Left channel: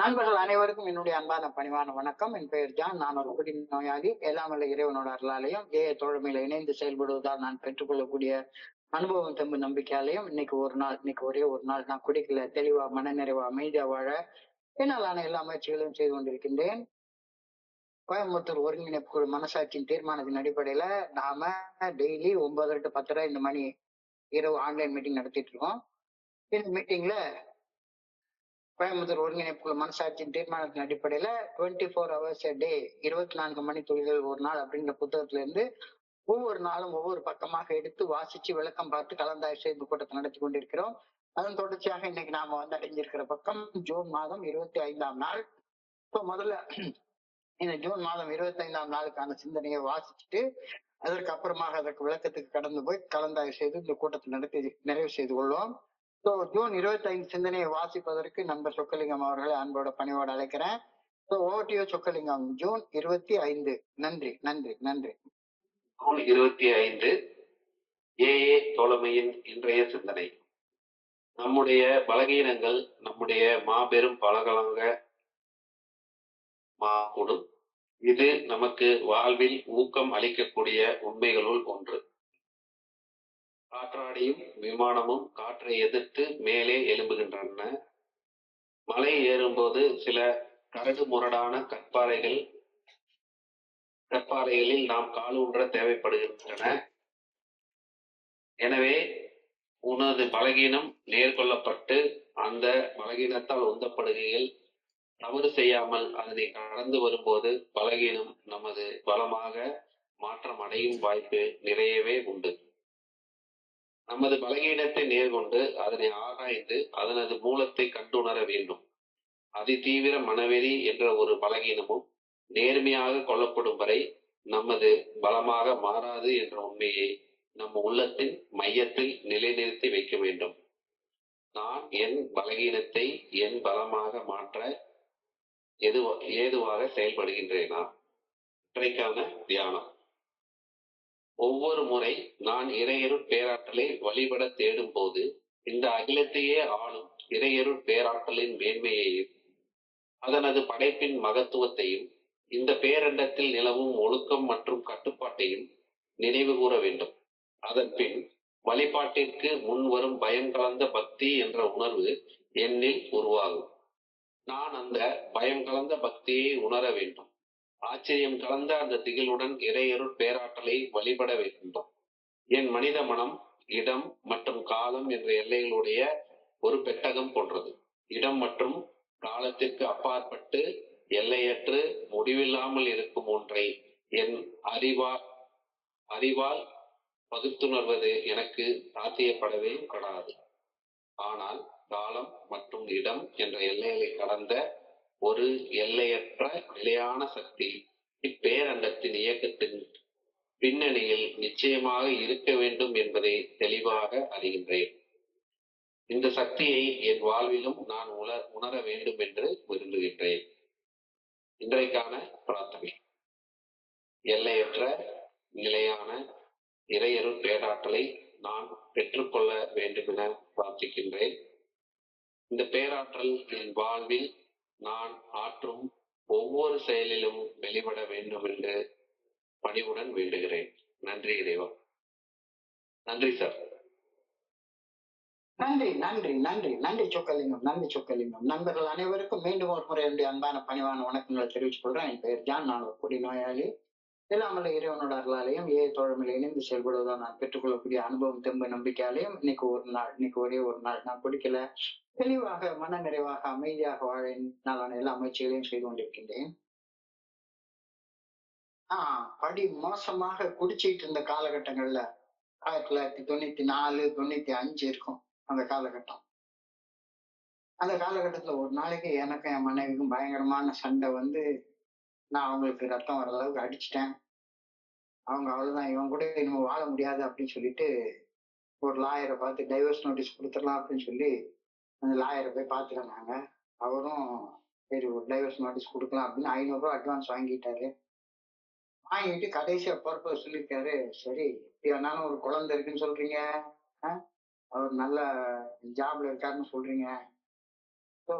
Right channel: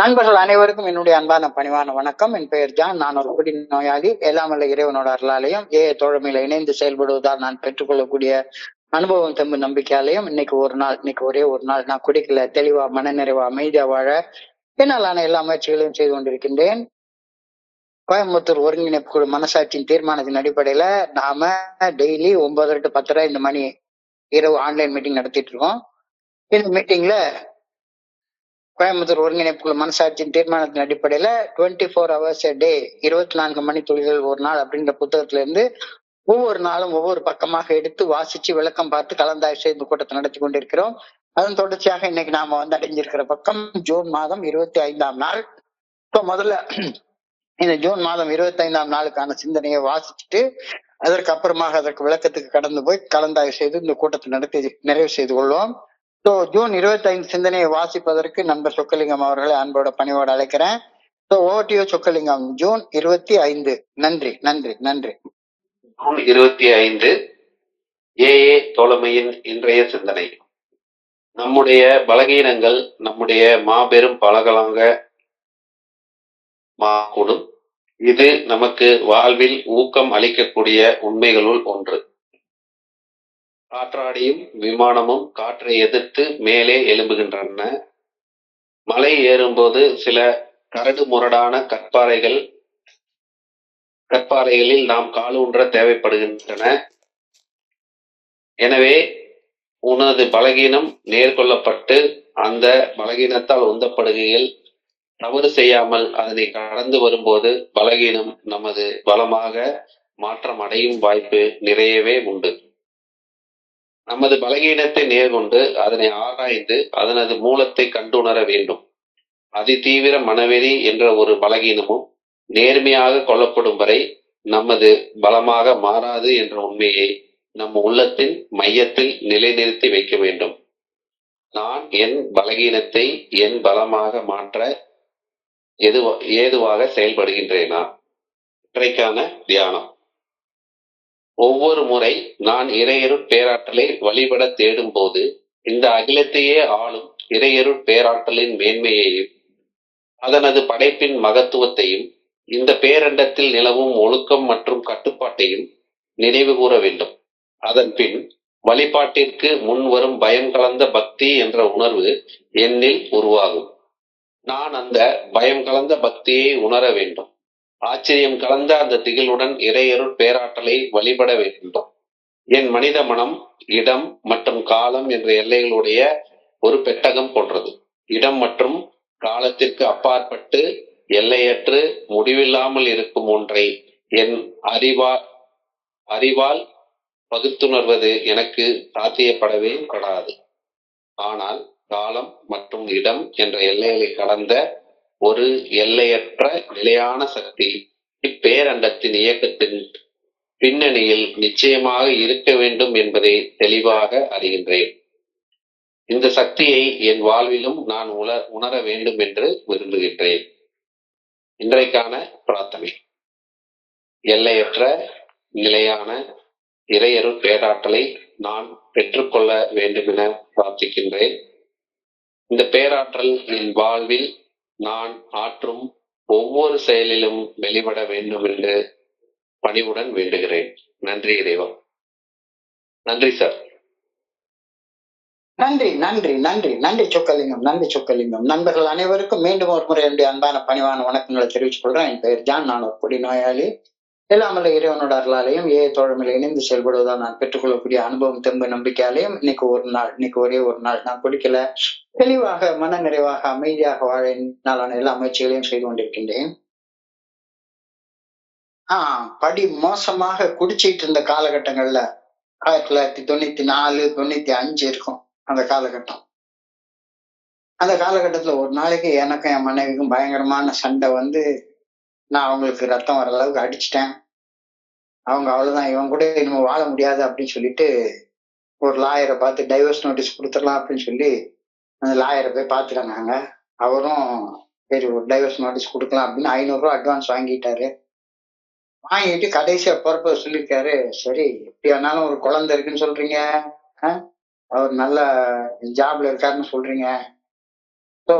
நண்பர்கள் அனைவருக்கும் என்னுடைய அன்பான பணிவான வணக்கம். என் பெயர் ஜான். நான் ஒரு குடி நோயாளி. எல்லாம் வல்ல இறைவனோட அருளாலையும் தோழமையில இணைந்து செயல்படுவதால் நான் பெற்றுக்கொள்ளக்கூடிய அனுபவம் தெம்பு நம்பிக்கையாலையும் இன்னைக்கு ஒரே ஒரு நாள் நான் குடிக்கல, தெளிவா மனநிறைவா அமைதியா வாழ என்னாலான எல்லா முயற்சிகளையும் செய்து கொண்டிருக்கின்றேன். கோயம்புத்தூர் ஒருங்கிணைப்பு குழு மனசாட்சியின் தீர்மானத்தின் அடிப்படையில நாம டெய்லி 9:30 to 10:30 இந்த மணி இரவு ஆன்லைன் மீட்டிங் நடத்திட்டு இருக்கோம். இந்த மீட்டிங்ல கோயம்புத்தூர் ஒருங்கிணைப்புக்குழு மனசாட்சியின் தீர்மானத்தின் அடிப்படையில 24 hours a day, 24 மணி துளிகள் ஒரு நாள் அப்படின்ற புத்தகத்துல இருந்து ஒவ்வொரு நாளும் ஒவ்வொரு பக்கமாக எடுத்து வாசிச்சு விளக்கம் பார்த்து கலந்தாய்வு செய்து கூட்டத்தை நடத்தி கொண்டிருக்கிறோம். அதன் தொடர்ச்சியாக இன்னைக்கு நாம அடைஞ்சிருக்கிற பக்கம் ஜூன் மாதம் 25ஆம் நாள். இப்போ முதல்ல இந்த ஜூன் மாதம் 25ஆம் நாளுக்கான சிந்தனையை வாசிச்சுட்டு அதற்கு அப்புறமாக அதற்கு விளக்கத்துக்கு கடந்து போய் கலந்தாய்வு செய்து இந்த கூட்டத்தை நடத்தி நிறைவு செய்து கொள்வோம். ஜூன் 25 சிந்தனையை வாசிப்பதற்கு நண்பர் சொக்கலிங்கம் அவர்களை அன்போட பணிவோடு அழைக்கிறேன். ஓட்டியோ சொக்கலிங்கம், ஜூன் 25. நன்றி நன்றி நன்றி. ஜூன் 25 ஏஏ தோழமையின் இன்றைய சிந்தனை. நம்முடைய பலகீனங்கள் நம்முடைய மாபெரும் பலகலாங்க மாக்கூடும். இது நமக்கு வாழ்வில் ஊக்கம் அளிக்கக்கூடிய உண்மைகளுள் ஒன்று. காற்றாடியும் விமானமும் காற்றை எதிர்த்து மேலே எழும்புகின்றன. மலை ஏறும்போது சில கரடு முரடான கற்பாறைகளில் நாம் காலூன்ற தேவைப்படுகின்றன. எனவே உனது பலகீனம் நேர்கொள்ளப்பட்டு அந்த பலகீனத்தால் உந்தப்படுகையில் தவறு செய்யாமல் அதனை கடந்து வரும்போது பலகீனம் நமது பலமாக மாற்றம் அடையும் வாய்ப்பு நிறையவே உண்டு. நமது பலகீனத்தை நேர்கொண்டு அதனை ஆராய்ந்து அதனது மூலத்தை கண்டுணர வேண்டும். அதிதீவிர மனவெறி என்ற ஒரு பலகீனமும் நேர்மையாக கொள்ளப்படும் வரை நமது பலமாக மாறாது என்ற உண்மையை நம் உள்ளத்தின் மையத்தில் நிலைநிறுத்தி வைக்க வேண்டும். நான் என் பலகீனத்தை என் பலமாக மாற்ற ஏதுவாக செயல்படுகின்றேனா? இன்றைக்கான தியானம். ஒவ்வொரு முறை நான் இறையருட் பேராற்றலை வழிபட தேடும் போது இந்த அகிலத்தையே ஆளும் இறையருட் பேராற்றலின் மேன்மையையும் அதனது படைப்பின் மகத்துவத்தையும் இந்த பேரண்டத்தில் நிலவும் ஒழுக்கம் மற்றும் கட்டுப்பாட்டையும் நினைவு கூற வேண்டும். அதன் பின் வழிபாட்டிற்கு முன் வரும் பயம் கலந்த பக்தி என்ற உணர்வு என்னில் உருவாகும். நான் அந்த பயம் கலந்த பக்தியை உணர வேண்டும். ஆச்சரியம் கலந்த அந்த திகிலுடன் இறையருட் பேராற்றலை வழிபட வேண்டும். என் மனித மனம் இடம் மற்றும் காலம் என்ற எல்லைகளுடைய ஒரு பெட்டகம் போன்றது. இடம் மற்றும் காலத்திற்கு அப்பாற்பட்டு எல்லையற்று முடிவில்லாமல் இருக்கும் ஒன்றை என் அறிவால் பகுத்துணர்வது எனக்கு சாத்தியப்படவே படாது. ஆனால் காலம் மற்றும் இடம் என்ற எல்லைகளை கடந்த ஒரு எல்லையற்ற நிலையான சக்தி இப்பேரண்டத்தின் இயக்கத்தின் பின்னணியில் நிச்சயமாக இருக்க வேண்டும் என்பதை தெளிவாக அறிகின்றேன். இந்த சக்தியை என் வாழ்விலும் நான் உணர வேண்டும் என்று விரும்புகின்றேன். இன்றைக்கான பிரார்த்தனை. எல்லையற்ற நிலையான இறையருள் பேராற்றலை நான் பெற்றுக்கொள்ள வேண்டும் என பிரார்த்திக்கின்றேன். இந்த பேராற்றல் என் வாழ்வில் நான் ஆற்றும் ஒவ்வொரு செயலிலும் வெளிப்பட வேண்டும் என்று பணிவுடன் வேண்டுகிறேன். நன்றி இறைவா. நன்றி சார். நன்றி நன்றி நன்றி நன்றி சொக்கலிங்கம், நன்றி சொக்கலிங்கம். நண்பர்கள் அனைவருக்கும் மீண்டும் ஒரு முறை என்னுடைய அன்பான பணிவான வணக்கங்களை தெரிவித்துக் கொள்றேன். என் பெயர் ஜான். நான் ஒரு குடி நோயாளி. எல்லாமல்ல இறைவனோட அருளாலையும் தோழமையில இணைந்து செயல்படுவதால் நான் பெற்றுக்கொள்ளக்கூடிய அனுபவம் தெம்பு நம்பிக்கையாலையும் இன்னைக்கு ஒரே ஒரு நாள் நான் குடிக்கல, தெளிவாக மன நிறைவாக அமைதியாக வாழ நாளான எல்லா முயற்சிகளையும் செய்து கொண்டிருக்கின்றேன். படி மோசமாக குடிச்சிட்டு இருந்த காலகட்டங்கள்ல 1994, 95 இருக்கும் அந்த காலகட்டம். அந்த காலகட்டத்துல ஒரு நாளைக்கு எனக்கும் என் மனைவிக்கும் பயங்கரமான சண்டை வந்து நான் அவங்களுக்கு ரத்தம் வர அளவுக்கு அடிச்சிட்டேன். அவங்க அவ்வளவுதான், இவன் கூட இனிமே வாழ முடியாது அப்படின்னு சொல்லிட்டு ஒரு லாயரை பார்த்து டைவர்ஸ் நோட்டீஸ் கொடுத்துடலாம் அப்படின்னு சொல்லி அந்த லாயரை போய் பார்த்துட்டாங்க. அவரும் சரி ஒரு டைவர்ஸ் நோட்டீஸ் கொடுக்கலாம் அப்படின்னு 500 ரூபா அட்வான்ஸ் வாங்கிட்டாரு. வாங்கிட்டு கடைசியா பொறுப்பை சொல்லியிருக்காரு, சரி எப்படி வேணாலும் ஒரு குழந்தை இருக்குன்னு சொல்றீங்க, அவர் நல்ல ஜாப்ல இருக்காருன்னு சொல்றீங்க, ஸோ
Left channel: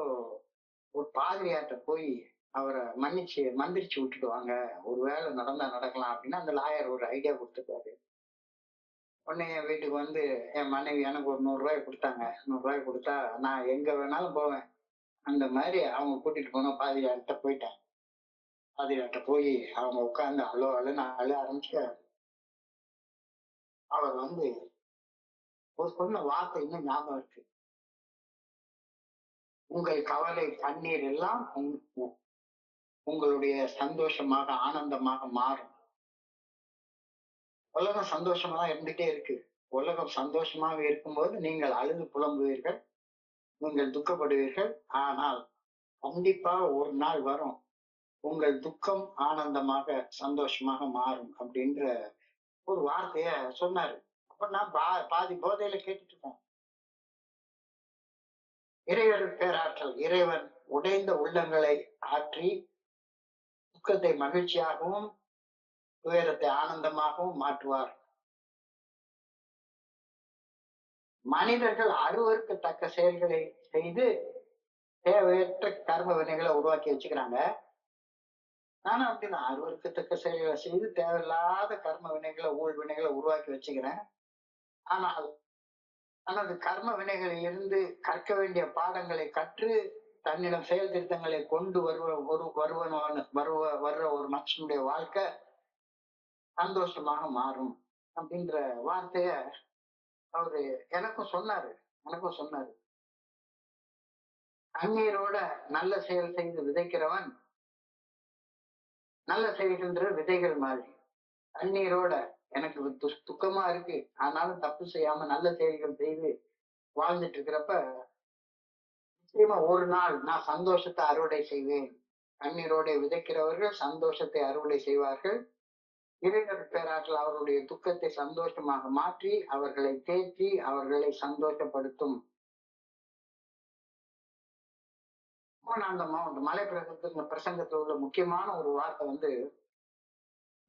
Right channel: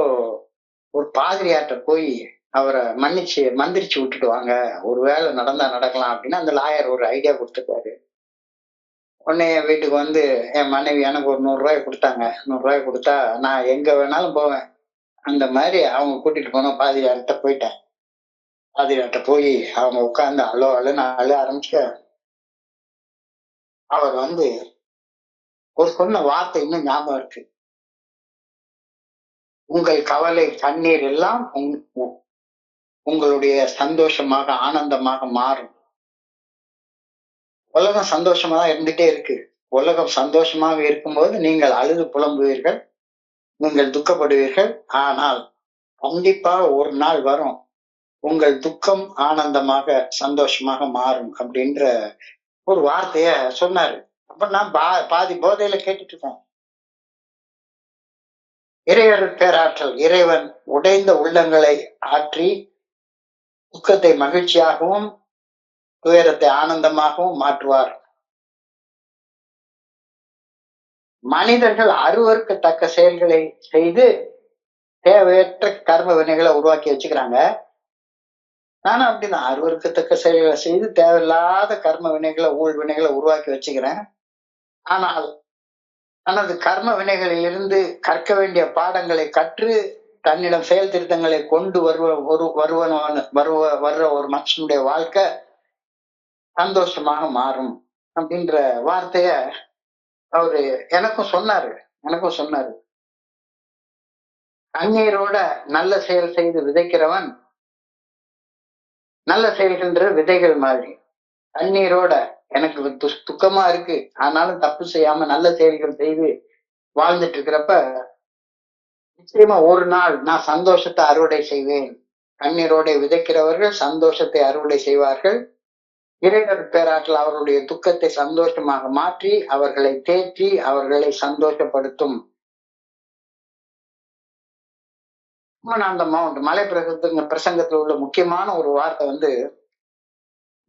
ஒரு பாதிரியார்ட்ட போய் அவரை மந்திரிச்சு விட்டுட்டு வாங்க, ஒரு வேலை நடந்தா நடக்கலாம் அப்படின்னு அந்த லாயர் ஒரு ஐடியா கொடுத்துருக்காரு. உடனே என் வீட்டுக்கு வந்து என் மனைவி எனக்கு ஒரு 100 ரூபாய் கொடுத்தாங்க. 100 ரூபாய் கொடுத்தா நான் எங்க வேணாலும் போவேன். அந்த மாதிரி அவங்க கூட்டிட்டு போன பாதிரியார்ட்ட போயிட்டேன். பாதிரியார்ட்ட போய் அவங்க உட்கார்ந்து அழ அழுன்னு அழ ஆரம்பிச்ச. அவர் வந்து ஒரு சொன்ன வார்த்தை இன்னும் ஞாபகம் இருக்கு. உங்கள் கவலை கண்ணீர் எல்லாம் உங்களுடைய சந்தோஷமாக ஆனந்தமாக மாறும். உலகம் சந்தோஷமா தான் இருந்துட்டே இருக்கு. உலகம் சந்தோஷமாக இருக்கும்போது நீங்கள் அழுது புலம்புவீர்கள், நீங்கள் துக்கப்படுவீர்கள். ஆனால் கண்டிப்பாக ஒரு நாள் வரும், உங்கள் துக்கம் ஆனந்தமாக சந்தோஷமாக மாறும் அப்படின்ற ஒரு வார்த்தைய சொன்னாரு. அப்ப நான் பாதி போதையில கேட்டுட்டு இருக்கேன். இறையருள் பேராற்றல் இறைவன் உடைந்த உள்ளங்களை ஆற்றி துக்கத்தை மகிழ்ச்சியாகவும் துயரத்தை ஆனந்தமாகவும் மாற்றுவார். மனிதர்கள் அருவருக்கத்தக்க செயல்களை செய்து தேவையற்ற கர்ம வினைகளை உருவாக்கி வச்சுக்கிறாங்க. நானும் அப்படிதான் அருவருக்கத்தக்க செயல்களை செய்து தேவையில்லாத கர்ம வினைகளை ஊழ் வினைகளை உருவாக்கி வச்சுக்கிறேன். ஆனால் தனது கர்ம வினைகளில் இருந்து கற்க வேண்டிய பாடங்களை கற்று தன்னிடம் செயல் திருத்தங்களை கொண்டு வர்ற ஒரு மனுஷனுடைய வாழ்க்கை சந்தோஷமாக மாறும் அப்படின்ற வார்த்தைய அவரு எனக்கும் சொன்னாரு. கண்ணீரோட நல்ல செயல் செய்து விதைக்கிறவன் நல்ல செயல்கின்ற விதைகள் மாதிரி. கண்ணீரோட எனக்கு துக்கமா இருக்கு, ஆனாலும் தப்பு செய்யாம நல்ல செயல்கள் செய்து வாழ்ந்துட்டு இருக்கிறப்ப நிச்சயமா ஒரு நாள் நான் சந்தோஷத்தை அறுவடை செய்வேன். கண்ணீரோட விதைக்கிறவர்கள் சந்தோஷத்தை அறுவடை செய்வார்கள். இறைவர் பேராற்றல் அவர்களுடைய துக்கத்தை சந்தோஷமாக மாற்றி அவர்களை தேற்றி அவர்களை சந்தோஷப்படுத்தும். அந்த மலை பிரசங்கத்தில் உள்ள முக்கியமான ஒரு வார்த்தை வந்து,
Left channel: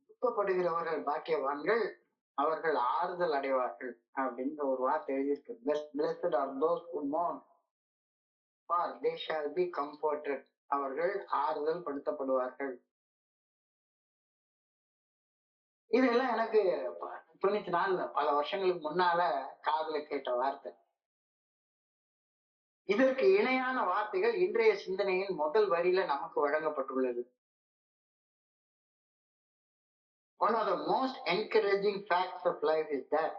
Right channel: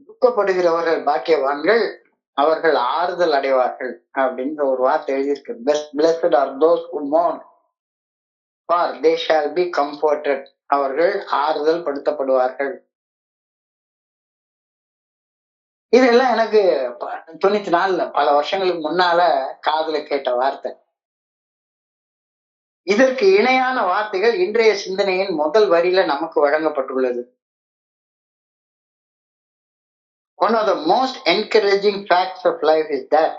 துக்கப்படுகிறவர்கள் பாக்கியவான்கள், அவர்கள் ஆறுதல் அடைவார்கள் அப்படின்ற ஒரு வார்த்தை எழுதியிருக்கு. Blessed are those who mourn, for they shall be comforted. அவர்கள் ஆறுதல் படுத்தப்படுவார்கள். இதெல்லாம் எனக்கு 94 பல வருஷங்களுக்கு முன்னால காதுல கேட்ட வார்த்தை. இதற்கு இணையான வார்த்தைகள் இன்றைய சிந்தனையின் முதல் வரியில நமக்கு வழங்கப்பட்டுள்ளது. One of the most encouraging facts of life is that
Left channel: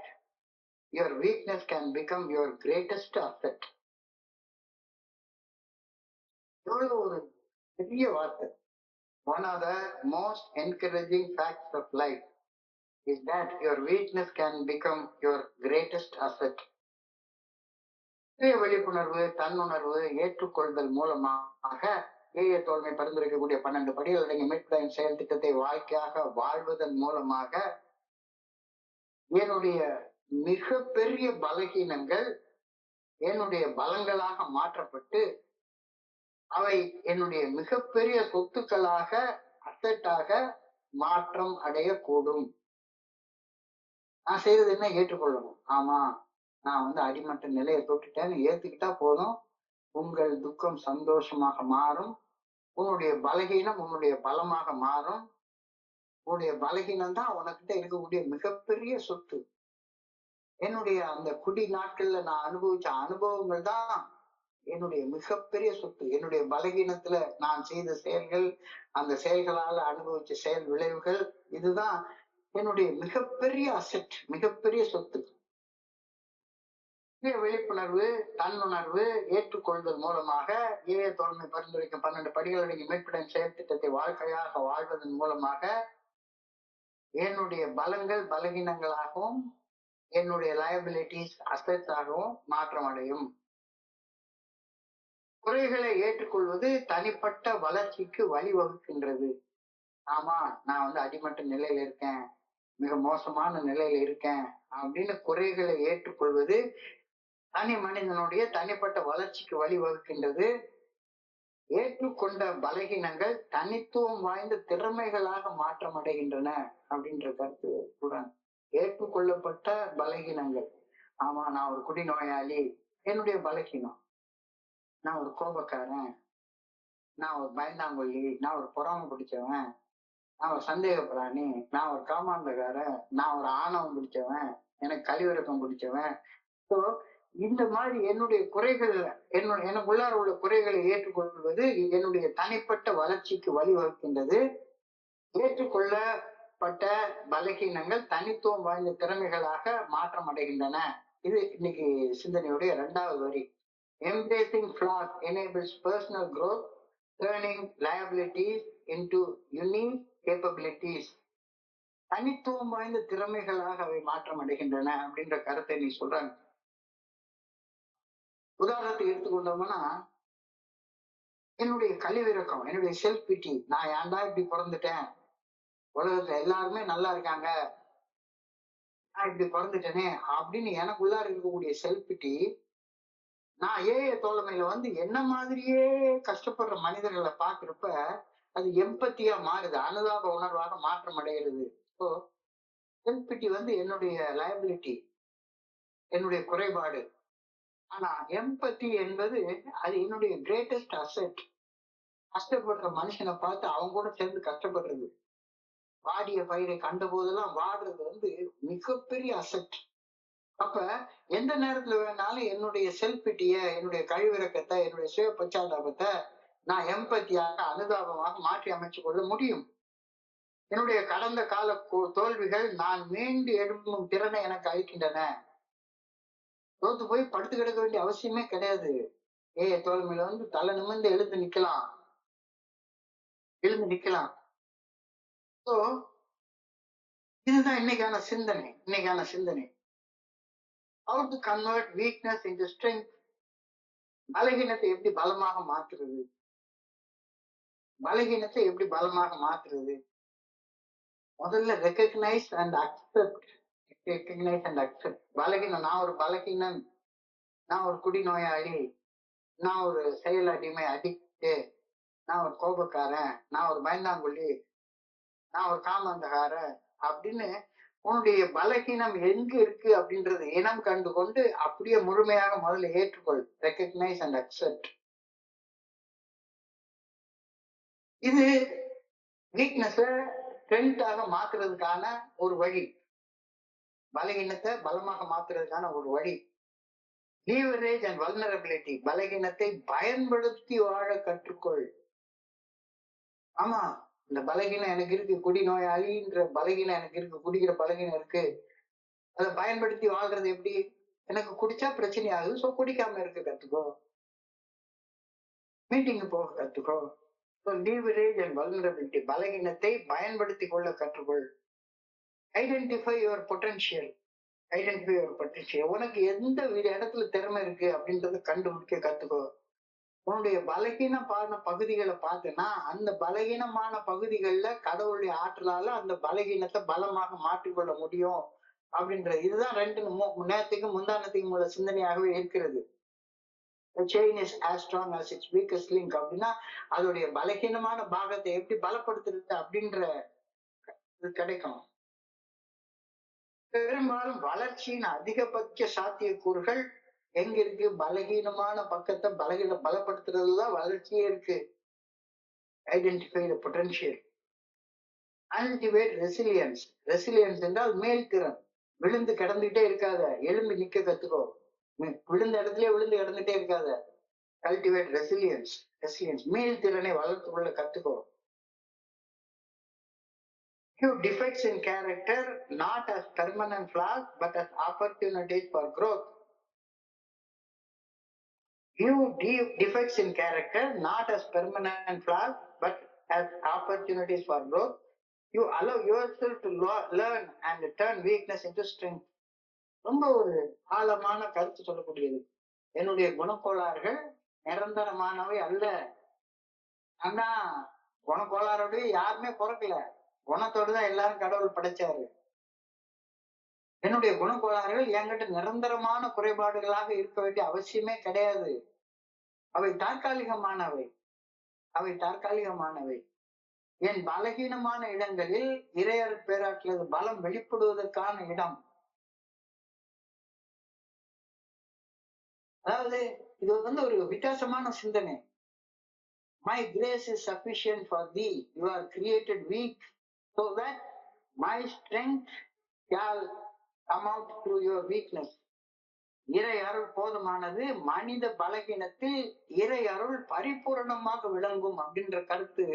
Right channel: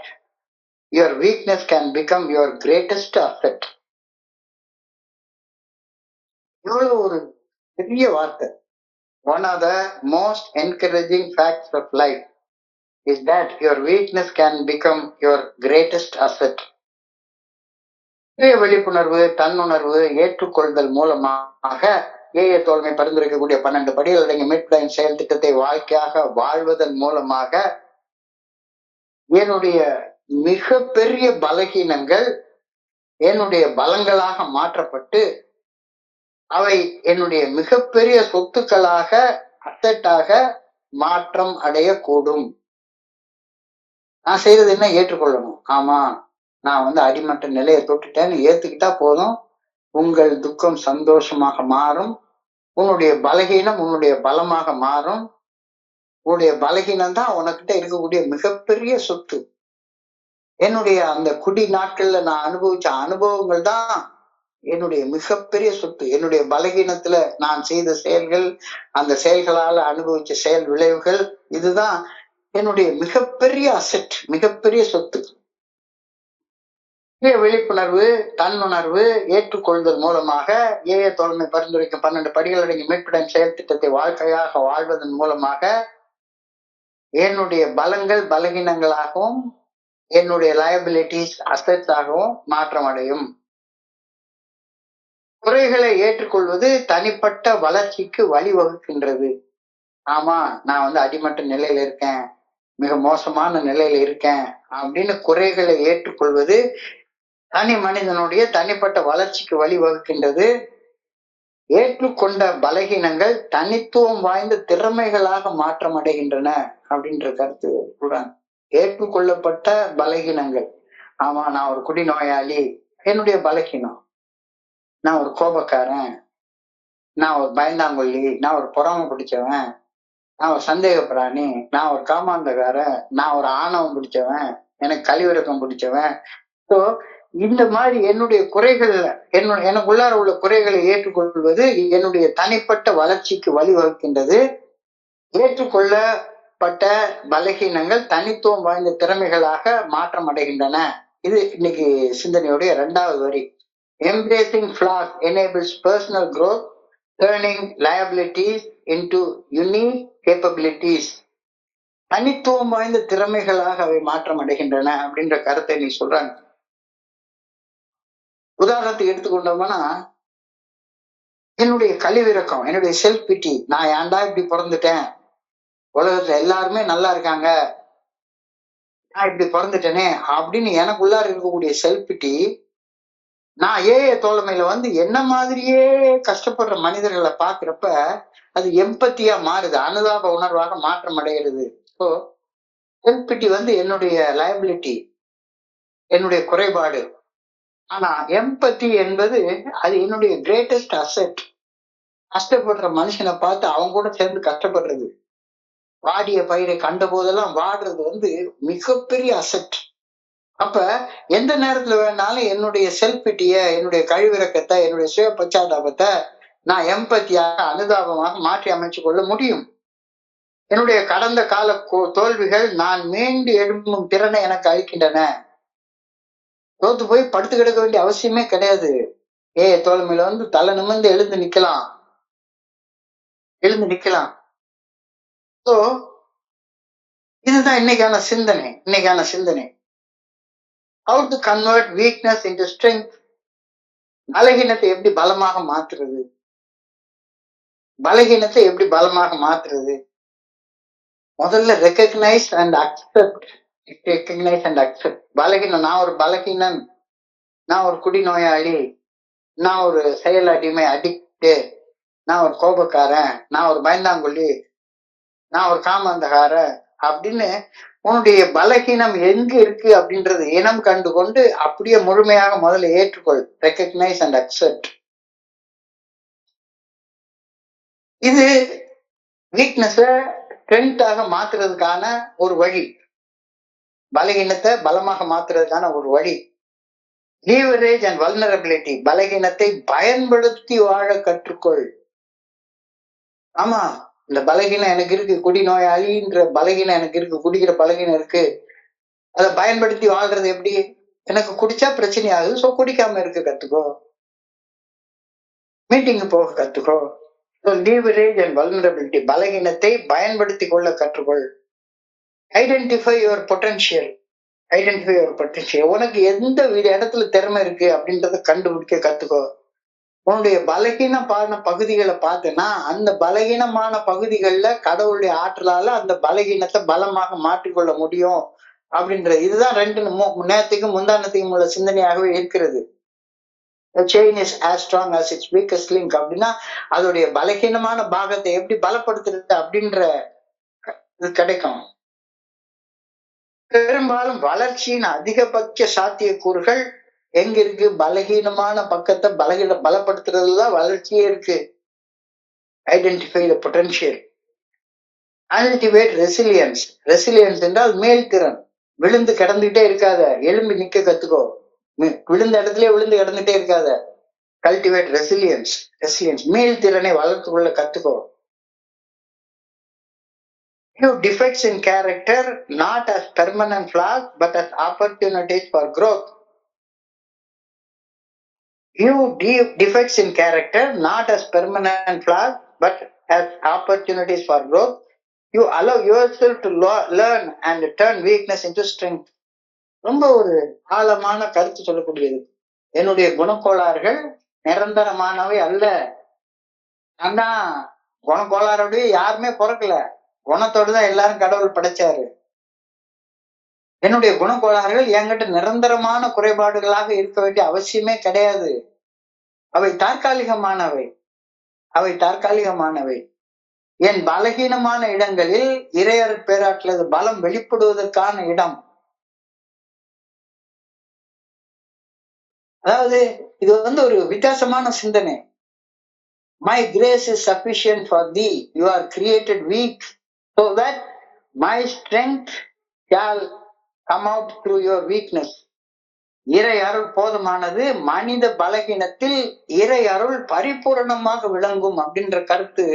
your weakness can become your greatest asset. இவ்வளவு ஒரு பெரிய வார்த்தை. One of the most encouraging facts of life is that your weakness can become your greatest asset. விழிப்புணர்வு, தன்னுணர்வு, ஏற்றுக்கொள்தல் மூலமாக AA தோழமை பரிந்துரைக்கக்கூடிய 12 படிகள் அடங்கிய மீட்பு செயல் திட்டத்தை வாழ்க்கையாக வாழ்வதன் மூலமாக என்னுடைய மிகப்பெரிய பலகீனங்கள் என்னுடைய பலங்களாக மாற்றப்பட்டு அவை என்னுடைய மிகப்பெரிய சொத்துக்களாக அசட்டாக மாற்றம் அடையக்கூடும். நான் செய்யறது என்ன? ஏற்றுக்கொள்ளணும். ஆமா, நான் வந்து அடிமட்ட நிலையை தொட்டுட்டேன்னு ஏத்துக்கிட்டா போதும். உங்கள் துக்கம் சந்தோஷமாக மாறும். உன்னுடைய பலகீனம் உன்னுடைய பலமாக மாறும். உன்னுடைய பலகீனம் தான் உனக்கிட்ட இருக்கக்கூடிய மிகப்பெரிய சொத்து. என்னுடைய அந்த குடி நாட்கள்ல நான் அனுபவிச்ச அனுபவங்கள் தான் என்னுடைய மிகப்பெரிய சொத்து. என்னுடைய பலகீனத்துல நான் செய்த செயல்கள், அந்த செயல்களால அனுபவிச்ச செயல் விளைவுகள், இதுதான் என்னுடைய மிகப்பெரிய அசெட், மிகப்பெரிய சொத்து. விழிப்புணர்வு, தன்னுணர்வு, ஏற்றுக்கொள்தல் மூலமாக ஏஏ தோழமை பரிந்துரைக்கும் 12 படிகள் அடங்கிய மீட்புடன் செயல் திட்டத்தை வாழ்க்கையாக வாழ்வதன் மூலமாக என்னுடைய பலங்கள் பலகீனங்களாகவும் என்னுடைய லயபிலிட்டிஸ் அசெட்ஸாகவும் மாற்றம் அடையும். குறைகளை ஏற்றுக்கொள்வது தனிப்பட்ட வளர்ச்சிக்கு வழிவகுக்கின்றது. ஆமா, நான் வந்து அடிமட்ட நிலையில இருக்கேன், மிக மோசமான நிலையில இருக்கேன் அப்படின்னு குறைகளை ஏற்றுக்கொள்வது தனி மனிதனுடைய தனிப்பட்ட வளர்ச்சிக்கு வழிவகுக்கின்றது. ஏற்றுக்கொண்ட பலகீனங்கள் தனித்துவம் வாய்ந்த திறமைகளாக மாற்றம் அடைகின்றன அப்படின்ற கருத்து கூறாங்க. ஏற்றுக்கொள்ளப்பட்ட பலகீனங்கள், ஆமா நான் ஒரு குடிநோயாளி, என்னுடைய பலகீனம். நான் ஒரு கோபக்காரன், நான் ஒரு பயந்தாங்கொல்லி, நான் ஒரு பொறாமை பிடிச்சவன், நான் ஒரு சந்தேக பிராணி, நான் ஒரு காமாந்தகாரன், நான் ஒரு ஆணவம் பிடிச்சவன், எனக்கு கழிவிறக்கம் பிடிச்சவன். ஸோ இந்த மாதிரி என்னுடைய குறைகள்ல எனக்குள்ளார உள்ள குறைகளை ஏற்றுக்கொள்வது என்னுடைய தனிப்பட்ட வளர்ச்சிக்கு வழிவகுக்கின்றது. ஏற்றுக்கொள்ளப்பட்ட பலகீனங்கள் தனித்துவம் வாய்ந்த திறமைகளாக மாற்றம் அடைகின்றன. இது இன்னைக்கு சிந்தனையுடைய 2வது வரி. Embracing flaws enables personal growth, turning liabilities into unique capabilities. தனித்துவம் வாய்ந்த திறமைகளாக அவை மாற்றம் அடைகின்றன அப்படின்ற கருத்தை நீ சொல்றாங்க. உதாரணத்துக்கு எடுத்துக்கொண்டோம்னா, என்னுடைய கழிவிறக்கம், என்னுடைய செல்ஃப் பிட்டி, நான் ஏன்டா இப்படி பிறந்துட்டேன், உலகத்துல எல்லாருமே நல்லா இருக்காங்க, நான் இப்படி பிறந்துட்டேனே அப்படின்னு எனக்குள்ளார இருக்கக்கூடிய செல்ஃப் பிட்டி, நான் தோழமையில வந்து என்ன மாதிரியே கஷ்டப்படுற மனிதர்களை பாக்குறப்ப அது எம்பத்தியா மாறுது, அனுதாப உணர்வாக மாற்றம் அடைகிறது. ஸோ செல்ஃப் பிட்டி வந்து என்னுடைய லயபிலிட்டி, என்னுடைய குறைபாடு. ஆனா எம்பத்தி என்பது அது என்னுடைய கிரேட்டஸ்ட் அசெட். கஷ்டப்படுற மனுஷனை பார்த்து அவங்க கூட சேர்ந்து கஷ்டப்படுறது, வாடிய பயிரை கண்ட போதெல்லாம் வாடுறது வந்து மிகப்பெரிய அசெட். அப்ப எந்த நேரத்துல வேணாலும் என்னுடைய செல்ஃபிட்டிய, என்னுடைய கழிவிறக்கத்தை, என்னுடைய சுய பச்சாதாபத்தை நான் எம்பத்தியாக, அனுதாபமாக மாற்றி அமைச்சு கொள்ள முடியும். என்னுடைய கடந்த கால தோல்விகள் நான் மீண்டு எழும்பும் திறனை எனக்கு அளிக்கின்றன. தோத்து போய் படுத்து கிடக்க வேண்டிய அவசியமே கிடையாது. தோழமையில வந்து தலை நிமிர்ந்து எழுந்து நிக்கலாம். ஸோ இதுதான் இன்னைக்கான சிந்தனை. How to convert weakness into strength. பலகீனத்தை எப்படி பலமாக மாற்றுறது? முதல்ல ரெக்கக்னைஸ் அண்ட் அக்செப்ட். பலகீனம், நான் ஒரு பலகீனன், நான் ஒரு குடிநோயாளி, நான் ஒரு செயல் அடிமை, அடிக்ட், நான் ஒரு கோபக்காரன், நான் ஒரு பயந்தாங்கொல்லி, நான் ஒரு காமாந்தகாரன் அப்படின்னு உன்னுடைய பலகீனம் எங்க இருக்கு அப்படின்றது இனம் கண்டு கொண்டு அப்படியே முழுமையாக முதல்ல ஏற்றுக்கொள். Recognise and accept. இது வீக்னஸ ஸ்ட்ரென்த்தாக மாத்துறதுக்கான ஒரு வழி, பலகீனத்தை பலமாக மாத்துறதுக்கான ஒரு வழி. Leverage and vulnerability. பலகீனத்தை பயன்படுத்தி வாழ கற்றுக்கொள். ஆமா, இந்த பலகீனம் எனக்கு இருக்கு, குடிநோயாளின்ற பலகீனம் எனக்கு இருக்கு, குடிக்கிற பலகீனம் இருக்கு, அதை பயன்படுத்தி வாழ்றது எப்படி? எனக்கு குடிச்சா பிரச்சனை ஆகுது, சோ குடிக்காம இருக்க கத்துக்கோ, மீட்டிங் போக கத்துக்கோ. Leverage and vulnerability. பலகீனத்தை பயன்படுத்தி கொள்ள கற்றுக்கொள். Identify your potential. உனக்கு எந்த இடத்துல திறமை இருக்கு அப்படின்றத கண்டுபிடிக்க கத்துக்கோ. உன்னுடைய பலகீனமான பகுதிகளை பார்த்தேன்னா அந்த பலகீனமான பகுதிகள்ல கடவுளுடைய ஆற்றலால அந்த பலகீனத்தை பலமாக மாற்றிக்கொள்ள முடியும் அப்படின்றது. இதுதான் 2 நேரத்துக்கும் முந்தானத்துக்கும் உள்ள சிந்தனையாகவே இருக்கிறது. The chain is as strong as its weakest link. அப்படின்னா அதோடைய பலகீனமான பாகத்தை எப்படி பலப்படுத்துறது அப்படின்ற இது கிடைக்கும். பெரும்பாலும் வளர்ச்சியின் அதிகபட்ச சாத்தியக்கூறுகள் எங்க இருக்கு? பலகீனமான பக்கத்தை பலப்படுத்துறதுதான் வளர்ச்சியே இருக்கு. Identify the potential. Cultivate resilience. Resilience என்றால் மேல் திறன். விழுந்து கிடந்துகிட்டே இருக்காத, எழும்பி நிக்க கத்துக்கோ. விழுந்த இடத்துல விழுந்து கிடந்துட்டே இருக்காத. Cultivate resilience. மேல் திறனை வளர்த்து கொள்ள கத்துக்கோ. View defects in character not as permanent flaws but as opportunities for growth. View defects in character not as permanent flaws but as opportunities for growth. You allow yourself to learn and turn weakness into strength. ரொம்ப ஒரு ஆழமான கருத்து சொல்லக்கூடியது. என்னுடைய குணக்கோளாறுகள் நிரந்தரமானவை அல்ல. ஆனா குணக்கோளாறுடைய யாருமே பிறக்கல, குணத்தோடுதான் எல்லாரும் கடவுள் படைச்சாரு. என்னுடைய குணக்கோளாறுகள் என்கிட்ட நிரந்தரமான குறைபாடுகளாக இருக்க வேண்டிய அவசியமே கிடையாது. அவை தற்காலிகமானவை. என் பலகீனமான இடங்களில் இறையர் பேராற்றலது பலம் வெளிப்படுவதற்கான இடம். அதாவது இது வந்து ஒரு வித்தியாசமான சிந்தனை. My grace is sufficient for thee. You are created weak so that my strength shall come out through your weakness. இறை அருள் போதுமானது, மனித பலகீனத்தில் இறை அருள் பரிபூரணமாக விளங்கும் அப்படின்ற கருத்து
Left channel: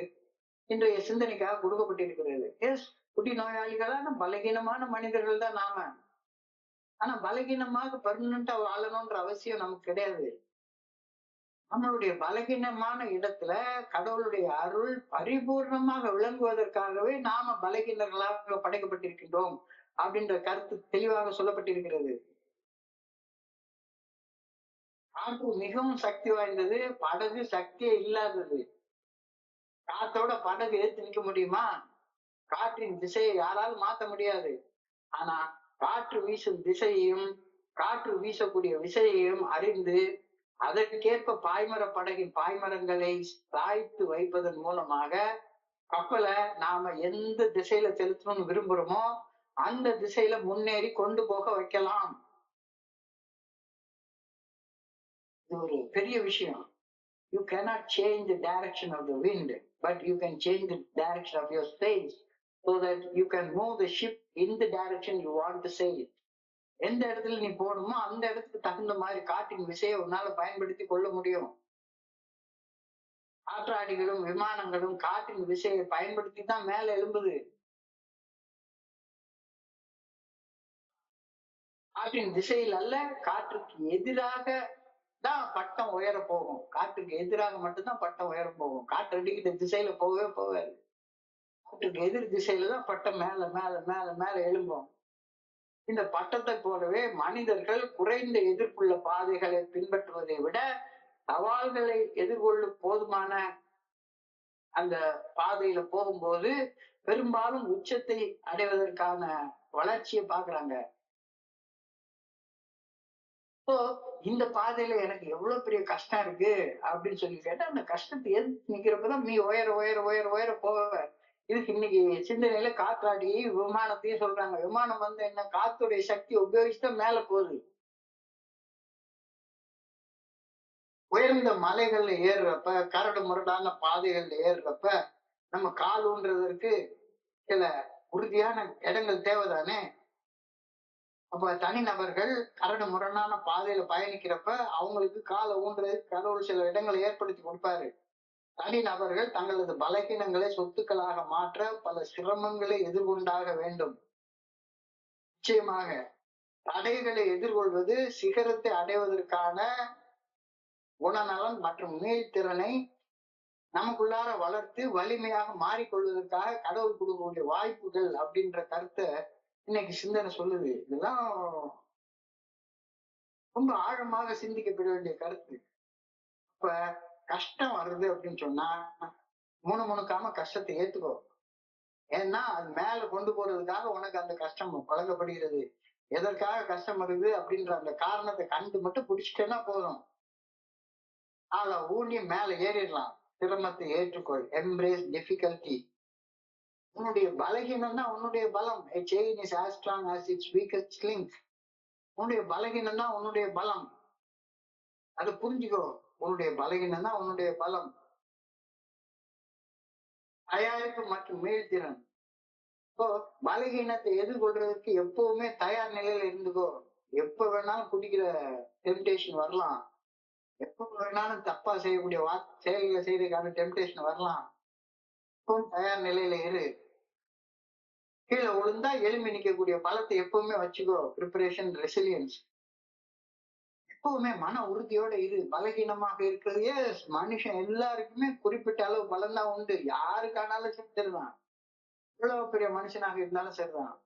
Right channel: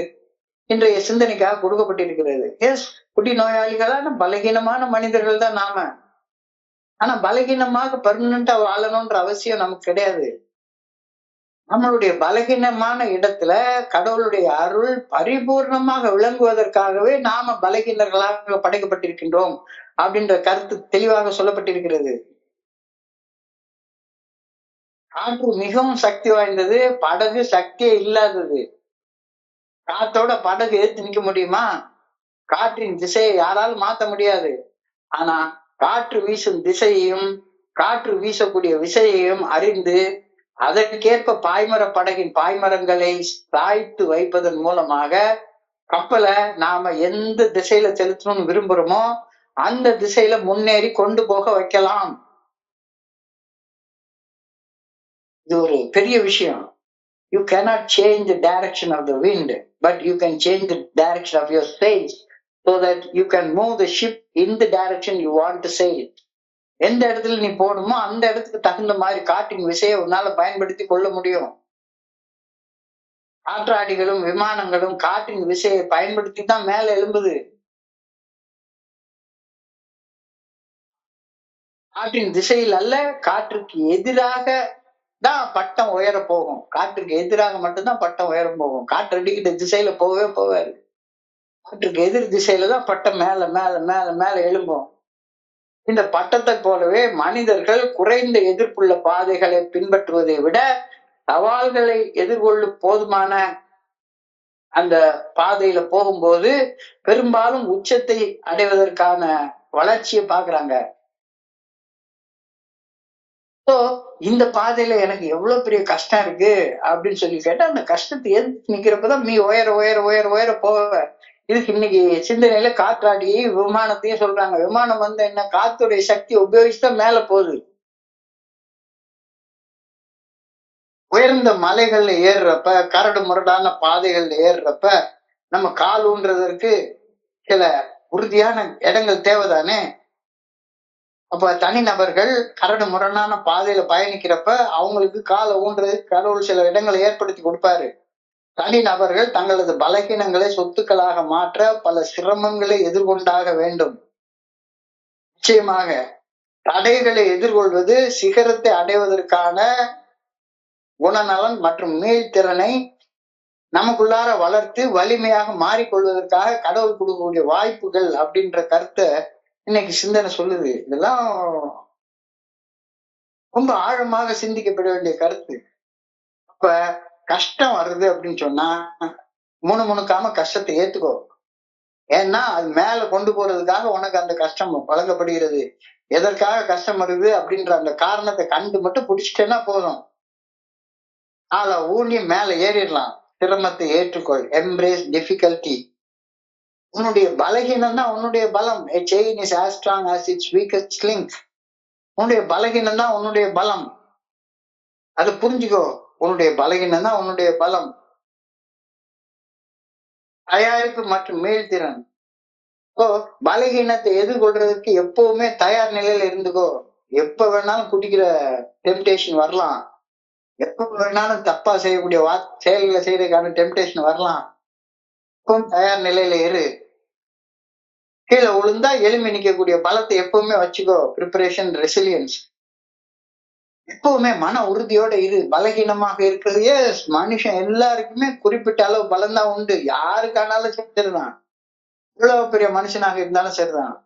இன்றைய சிந்தனைக்காக கொடுக்கப்பட்டிருக்கிறது. எஸ், குடி நோயாளிகளான பலகீனமான மனிதர்கள் தான் நாம. ஆனா பலகீனமாக பெர்மனண்டா வாழணும்ன்ற அவசியம் நமக்கு கிடையாது. நம்மளுடைய பலகீனமான இடத்துல கடவுளுடைய அருள் பரிபூர்ணமாக விளங்குவதற்காகவே நாம பலகீனர்களாக படைக்கப்பட்டிருக்கின்றோம் அப்படின்ற கருத்து தெளிவாக சொல்லப்பட்டிருக்கிறது. காற்று மிகவும் சக்தி வாய்ந்தது, படகு சக்தியே இல்லாதது. காத்தோட படகு ஏத்து நிக்க முடியுமா? காற்றின் திசையை யாராலும் மாத்த முடியாது. ஆனா காற்று வீசும் திசையையும் காற்று வீசக்கூடிய விசையையும் அறிந்து அதற்கேற்ப பாய்மர படகின் பாய்மரங்களை சாய்த்து வைப்பதன் மூலமாக கப்பலை நாம எந்த திசையில செலுத்தணும்னு விரும்புறோமோ அந்த திசையில முன்னேறி கொண்டு போக வைக்கலாம். இது ஒரு பெரிய விஷயம். You cannot change the direction of the wind, but you can change the direction of your sails so that you can move the ship in the direction you want to sail. எந்த இடத்துல நீ போகணுமோ அந்த இடத்துக்கு தகுந்த மாதிரி காற்றின் விசையை உன்னால பயன்படுத்தி கொள்ள முடியும். காற்றாடிகளும் விமானங்களும் காற்றின் விசையை பயன்படுத்தி தான் மேல எழும்புது. காற்றின் திசையில் அல்ல, காற்றுக்கு எதிராக தான் பட்டம் உயர போகும். காற்றுக்கு எதிராக மட்டும்தான் பட்டம் உயர போகும். காற்று அடிக்கிற திசையில போகவே போவாரு. காற்றுக்கு எதிர் திசையில தான் பட்டம் மேல மேல மேல மேல எழும்பும். இந்த பட்டத்தை போலவே மனிதர்கள் குறைந்த எதிர்ப்புள்ள பாதைகளை பின்பற்றுவதை விட சவால்களை எதிர்கொள்ளும் போதுமான அந்த பாதையில போகும்போது பெரும்பாலும் உச்சத்தை அடைவதற்கான வளர்ச்சியை பாக்குறாங்க. இந்த பாதையில எனக்கு எவ்வளவு பெரிய கஷ்டம் இருக்கு அப்படின்னு சொல்லி கேட்டா அந்த கஷ்டத்தை எதிர்த்து நிக்கிறப்பதான் நீ உயர உயர உயர உயர போவ. இதுக்கு இன்னைக்கு சிந்தனையில காற்றாடி விமானத்தையும் சொல்றாங்க. விமானம் வந்து என்ன, காத்துடைய சக்தி உபயோகிச்சுதான் மேல போகுது. உயர்ந்த மலைகள்ல ஏறுறப்ப, கரடு முரடான பாதைகள்ல ஏறுறப்ப நம்ம கால் ஊன்றதற்கு சில உறுதியான இடங்கள் தேவைதானே. அப்ப தனிநபர்கள் கரடு முரணான பாதையில பயணிக்கிறப்ப அவங்களுக்கு காலை ஊன்றதுக்கு கடவுள் சில இடங்களை ஏற்படுத்தி கொடுப்பாரு. தனிநபர்கள் தங்களது பலகீனங்களை சொத்துக்களாக மாற்ற பல சிரமங்களை எதிர்கொண்டாக வேண்டும். நிச்சயமாக தடைகளை எதிர்கொள்வது சிகரத்தை அடைவதற்கான குணநலன் மற்றும் மீள்திறனை நமக்குள்ளார வளர்த்து வலிமையாக மாறிக்கொள்வதற்காக கடவுள் கொடுக்கக்கூடிய வாய்ப்புகள் அப்படின்ற கருத்தை இன்னைக்கு சிந்தனை சொல்லுது. இதெல்லாம் ரொம்ப ஆழமாக சிந்திக்கப்பட வேண்டிய கருத்து. அப்ப கஷ்டம் வருது அப்படின்னு சொன்னா முணுமுணுக்காம கஷ்டத்தை ஏத்துக்கோ. ஏன்னா அது மேல கொண்டு போறதுக்காக உனக்கு அந்த கஷ்டம் வழங்கப்படுகிறது. எதற்காக கஷ்டம் வருது அப்படின்ற அந்த காரணத்தை கண்டு மட்டும் பிடிச்சிட்டேன்னா போதும். ஆள ஊனி மேல ஏறிடலாம். சிரமத்தை ஏற்றுக்கொள். Embrace difficulty. உன்னுடைய பலகீனம் தான் உன்னுடைய பலம். A chain is as strong as its weakest link. உன்னுடைய பலகீனம் தான் உன்னுடைய பலம். அதை புரிஞ்சுக்கோ. உன்னுடைய பலகீனம் தான் உன்னுடைய பலம். தயாரிப்பு மற்றும் மீள்திறன். பலகீனத்தை எதிர்கொள்றதுக்கு எப்பவுமே தயார் நிலையில இருந்துக்கோ. எப்ப வேணாலும் குடிக்கிற டெம்டேஷன் வரலாம். எப்ப வேணாலும் தப்பா செய்யக்கூடிய செயல்களை செய்யறதுக்கான டெம்டேஷன் வரலாம். எப்பவும் தயார் நிலையில இரு. கீழே விழுந்தா எலும்பி நிக்கக்கூடிய பலத்தை எப்பவுமே வச்சுக்கோ. Preparation, resilience. எப்பவுமே மன உறுதியோட இரு. பலகீனமாக இருக்கிறதே மனுஷன் எல்லாருக்குமே குறிப்பிட்ட அளவு பலம்தான் உண்டு. யாருக்கானாலும் சரிதான், இவ்வளவு பெரிய மனுஷனாக இருந்தாலும் சரிதான்.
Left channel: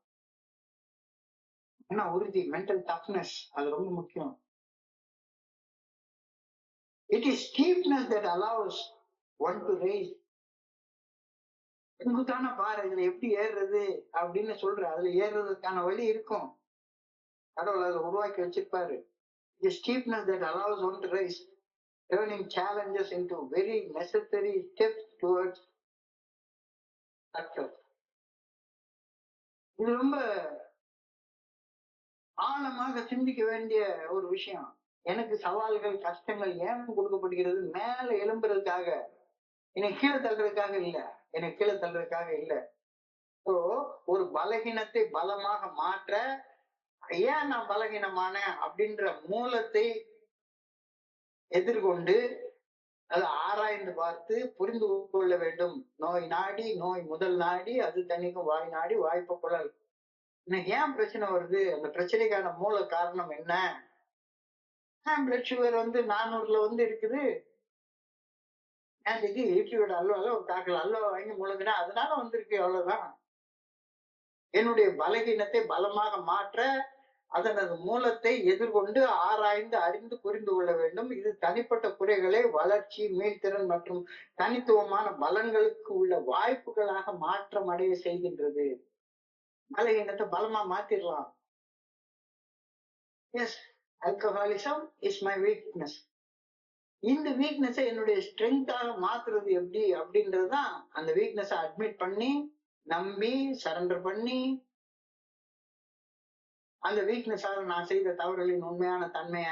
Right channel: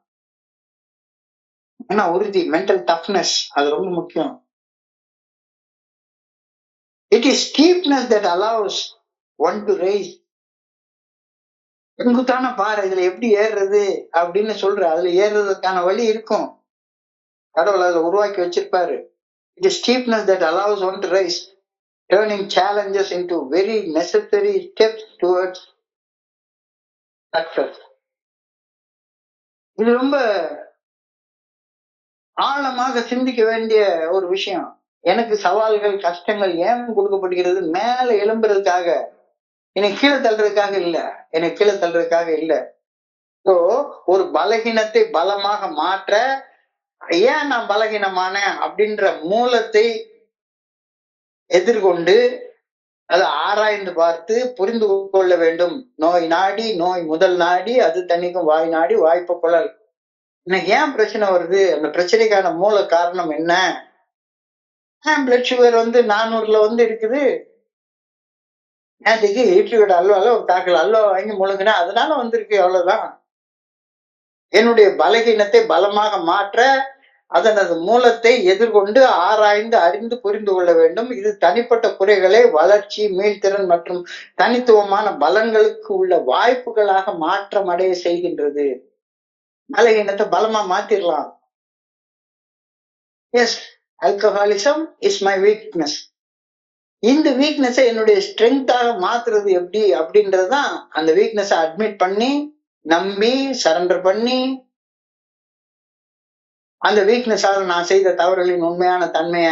மன உறுதி, மென்டல் டஃப்னஸ், அது ரொம்ப முக்கியம். It is steepness that allows one to rise. செங்குத்தான பாறை, இதுல எப்படி ஏறுறது அப்படின்னு சொல்ற. அதுல ஏறுறதுக்கான வழி இருக்கும். கடவுள் அதுல உருவாக்கி வச்சிருப்பாரு. It is steepness that allows one to rise, turning challenges into very necessary steps towards success. இது ரொம்ப ஆழமாக சிந்திக்க வேண்டிய ஒரு விஷயம். எனக்கு சவால்கள், கஷ்டங்கள் ஏன் கொடுக்கப்படுகிறது? மேல எழும்புறதுக்காக. என்னை கீழே தள்ளுறதுக்காக இல்ல, என்னை கீழே தள்ளுறதுக்காக இல்ல. ஸோ ஒரு பலகீனத்தை பலமாக மாற்ற ஏன் நான் பலகீனமானேன் அப்படின்ற மூலத்தை எதிர்கொண்டு அதை ஆராய்ந்து பார்த்து புரிந்து கொள்ள வேண்டும். நோய் நாடி, நோய் முதல் நாடி, அது தணிக்கும் வாய் நாடி, வாய்ப்பு குழல். எனக்கு ஏன் பிரச்சனை வருது, அந்த பிரச்சனைக்கான மூல காரணம் என்ன? ஏன் பிளட் சுகர் 400ல இருக்குது? நேற்றுக்கு இட்லியோட அல்வால ஒரு தாக்கல் அல்வா வாங்கி முழுங்கினேன், அதனால வந்திருக்கு, அவ்வளவுதான். என்னுடைய பலகீனத்தை பலமாக மாற்ற அதனது மூலத்தை எதிர்கொண்டு ஆராய்ந்து அறிந்து புரிந்து கொள்ள வேண்டும். இது தனிப்பட்ட குறைகளை வளர்ச்சி, மீள்திறன் மற்றும் தனித்துவமான பலன்களுக்கு உள்ள வாய்ப்புகளாக மாற்றம் அடைய செய்கின்றது. பலகீனத்தை பலமா மாத்திரலாம். Yes, alcoholism is my weakness. இந்த வீக்னஸை என்னுடைய ஸ்ட்ரென்த்தாக மாத்துறது எப்படி அப்படின்றதுதான். அந்த வீக்னஸை அட்மிட் பண்ணி, நம்பி, சரண்டர் பண்ணி, அந்த வீக்னஸால நான் செய்த தவறுகளின் உண்மையான தன்மைய